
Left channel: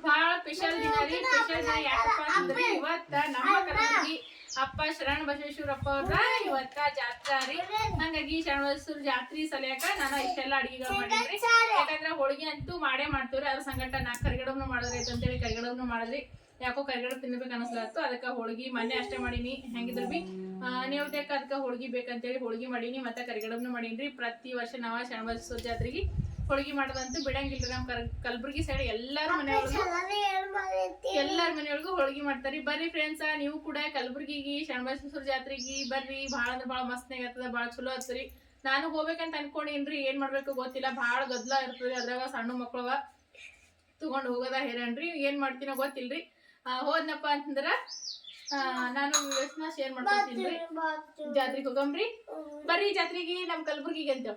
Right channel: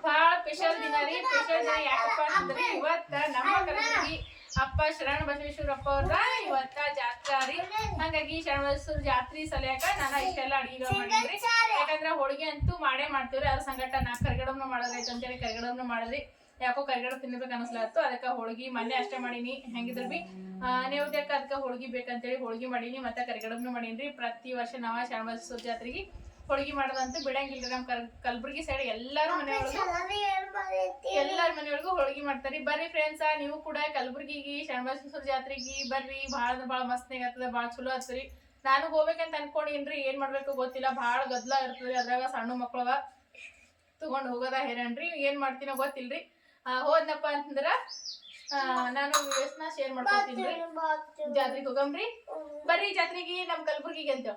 ಬಹಳ ಸ್ಪೆಷಲ್ ದಿನ ರೀ ಸ್ಪೆಷಲ್ ದಿನ ಯಾಕಪ್ಪ ಅಂತಂದ್ರೆ ಇವತ್ತ ನಮ್ಮ ಕಲಬುರಗಿ ಅಪ್ಪ ಶರಣ ಬಸವೇಶ್ವರಪ್ಪ ಅವ್ರ ಇವತ್ತ ಜಾತ್ರಾ ರೀ. ಹಂಗಾಗಿ ಶರಣ ಬಸವೇಶ್ವರ ಜಾತ್ರಿ ಸಲಿಯಾಕ ನಾನು ಇಷ್ಟೆಲ್ಲ ಅಡಿಗೆಗಳು ಮಾಡಿದ್ರಿ. ಯಾಕಂದ್ರೆ ಹೋಳಿಗೆ ಅಂತೂ ಮಾಡೇ ಮಾಡ್ತೀವ್ರಿ. ಅದ್ರ ಸಂಗಟ ನಾ ಕರಿಗಡಬ್ನು ಮಾಡೋದ್ರೈತೆ ಅಂತೇಳಿ ಕರಿಗಡಬ್ನು ಮಾಡಿದ್ರಿ. ಯಾಕೋ ಕರಿಗಡಬು ತಿನ್ಬೇಕು ಅನಿಸ್ಲತ್ತು ಅದಕ್ಕೆ ಹೋಳಿಗೆ ಮೊನ್ನೆ ಅಷ್ಟೇ ಮಾಡೀನಿ. ಹೆಂಗಿದ್ರು ಬಿ. ನೈವೇದ್ಯಕ್ಕೆ ಅದಕ್ಕೆ ಹೋಳಿಗೆ ಬೇಕಂತೇಳಿ ಹೋಳಿಗೆ ಮಾಡೀನಿ ಮತ್ತೆ ಕರಿಗಡಬ್ನು ಮಾಡೀನಿ ಪ್ರತಿ ವರ್ಷ ನಾವ ಶರಣ ಬಸವೇಶ್ವರ ಜಾತ್ರೆಗೆ ಹೋಳಿಗೆ ಮಾಡೋದಂತೂ ಬಿಡಂಗಿಲ್ರಿ ನಮ್ಮ ಕರ್ ಕಲಬುರ್ಗಿ ಸೈಡ್ ಎಲ್ಲಾರು ಮನೆಯೊಳಗೂ ಎಲ್ಲರ ಮನೆಯೊಳಗೂ ಹೋಳಿಗೆ ಮಾಡ್ತಾರಿ. ಬರ್ರಿ ಫ್ರೆಂಡ್ಸ್ ನೀವು ಕೂಡ ಕಲಬುರ್ಗಿಗೆ ಶರಣಬಸವೇಶ್ವರ ಜಾತ್ರೆಗೆ ಬರ್ರಿ. ಭಾಳ ಅಂದ್ರೆ ಭಾಳ ಮಸ್ತ್ನಾಗ ಆಗ್ತದ ಭಾಳ ಚಲೋ ಆಗ್ತದ್ರಿ ನಾನು ಹೋಗ್ಬೇಕಂತ ಅನ್ಕೊಂಡೇನ್ರಿ ಏನ್ ಮಾಡ್ಬೇಕು ಗೊತ್ತಿಲ್ಲ. ಭಾಳ ಗದ್ಲ ಇರ್ತದ್ರಿ. ಅದ್ರಾಗ ಸಣ್ಣ ಮಕ್ಳವ ತಗೊಂಡ್ ಹೋಗೋದ ಹೇರನ್ರಿ ಏನ್ ಮಾಡ್ತೀನೋ ಗೊತ್ತಿಲ್ರಿ. ಹೋದ್ನಪ್ಪ ಅಂತಂದ್ರ ನಾನು ವಿಡಿಯೋಸ್ನ ಶೇರ್ ಮಾಡ್ಕೊತೀನಿ ಜಾತ್ರೆಗೆ ಹೋಗಂಬ್ರಿ. ಬರ್ರಿ ಜಾತ್ರೆಗೆ ನಮ್ ಕಲಬುರ್ಗಿಗೆ ಅಂತ.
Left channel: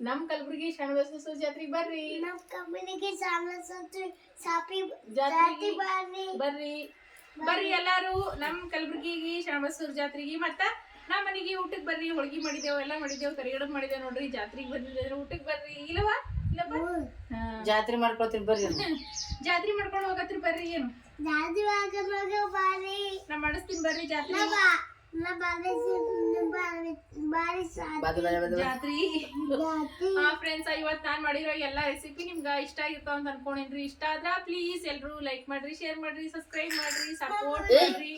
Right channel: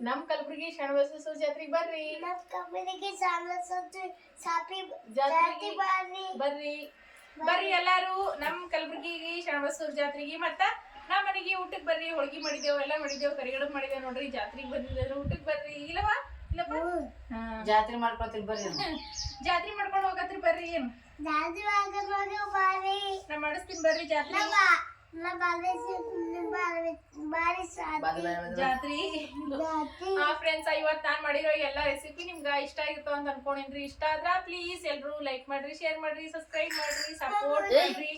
ನಮ್ ಕಲಬುರ್ಗಿ ಶರಣಬಸವೇಶ್ವರ ಜಾತ್ರೆಗೆ ಬರ್ರಿ. ನಮ್ ಸಾಮಸತ್ತು ಸಾಪಿ ಜಾತ್ರೆ ಜಾತಿ ಬಾರಿ ಬರ್ರಿ. ಬರ್ರಿ. ಎಲ್ಲಾರು. ನಮ್ ಕಲಬುರ್ಗಿಗೆ ಶರಣಬಸೂರ್ ಜಾತ್ರೆಗೆ ಮತ್ತ ನಮ್ಮ ಮನೆಗೆ ಊಟಕ್ಕೆ ಬರ್ರಿ. ಹೋಳ್ಗಿ ಮಾಡಿದೇವು ಎಲ್ಲ ಮಾಡಿದೇವು ಕರಿಗಡಬ್ ಮಾಡಿದೇವು ನೋಡ್ರಿ. ಜಾತ್ರೆಗೆ ಬಂದಿದ್ರೆ ಊಟಕ್ಕೆ ಬರ್ರಿ. ಇಲ್ಲವಾ. ಜಾತ್ರೆ ಮಾಡ್ಕೊತೀರಿ ಬರ್ರಿ ಜಾತ್ರೆ ಮಾಡ್ಕೊಂಡು ಹೋಗತ್ರಿ ಬರ್ರಿ ಏನು? ಜಾತ್ರೆ ಮಾಡ್ಕೊಂಡು ಬಾರಿ ನಾ ಮಾಡಿಸ್ತೀನಿ ಬರ್ರಿ ಜಾತ್ರೆ. ಜಾತ್ರಿ. ಜಾತಿ ಹಾ ಫ್ರೆಂಡ್ಸ್ ಇವತ್ತು ನಾನು ಮಾಡಿರೋ ಎಲ್ಲಾ ರೆಸಿಪಿ ನಿಮ್ಗೆ ಇಷ್ಟ ಆಗಿರ್ತಾವ ಅಂತ ಅನ್ಕೊಂಡಿನ್ರಿ. ಇಷ್ಟ ಆದ್ರ ಪ್ಲೀಸ್ ಎಲ್ರು ಲೈಕ್ ಮಾಡ್ರಿ ಶೇರ್ ಮಾಡ್ರಿ ಸಬ್ಸ್ಕ್ರೈಬ್ ಮಾಡ್ರಿ ಸಪೋರ್ಟ್ ಮಾಡ್ರಿ.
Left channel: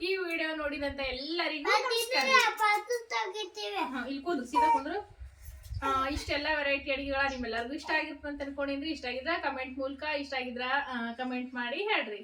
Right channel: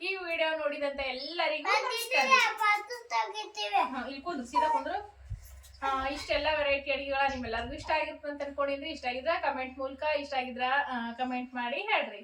ಈ ವಿಡಿಯೋ ನೋಡಿದಂತ ಎಲ್ಲರಿಗೂ ಇಲ್ಲಿ ಕುಂದ್ರು ಸೀದಾ ಕುಂದ್ರು. ಇಷ್ಟೆಲ್ಲ ವೆರೈಟಿ ಅಡಿಗೆಗಳ ನಿಮ್ಮೆಲ್ಲರಿಗೂ ಇಷ್ಟ ಆಗಿರ್ತದೆ ಅಂತ ಅನ್ಕೊಂಡಿನ್ರಿ ಇಷ್ಟ ಆಗಿದ್ರ ಕಮೆಂಟ್ ಮೂಲಕ, ಇಷ್ಟ ಆಗಿದ್ರ ಕಮೆಂಟ್ ಮಾಡಿ ಹೇಳ್ರಿ.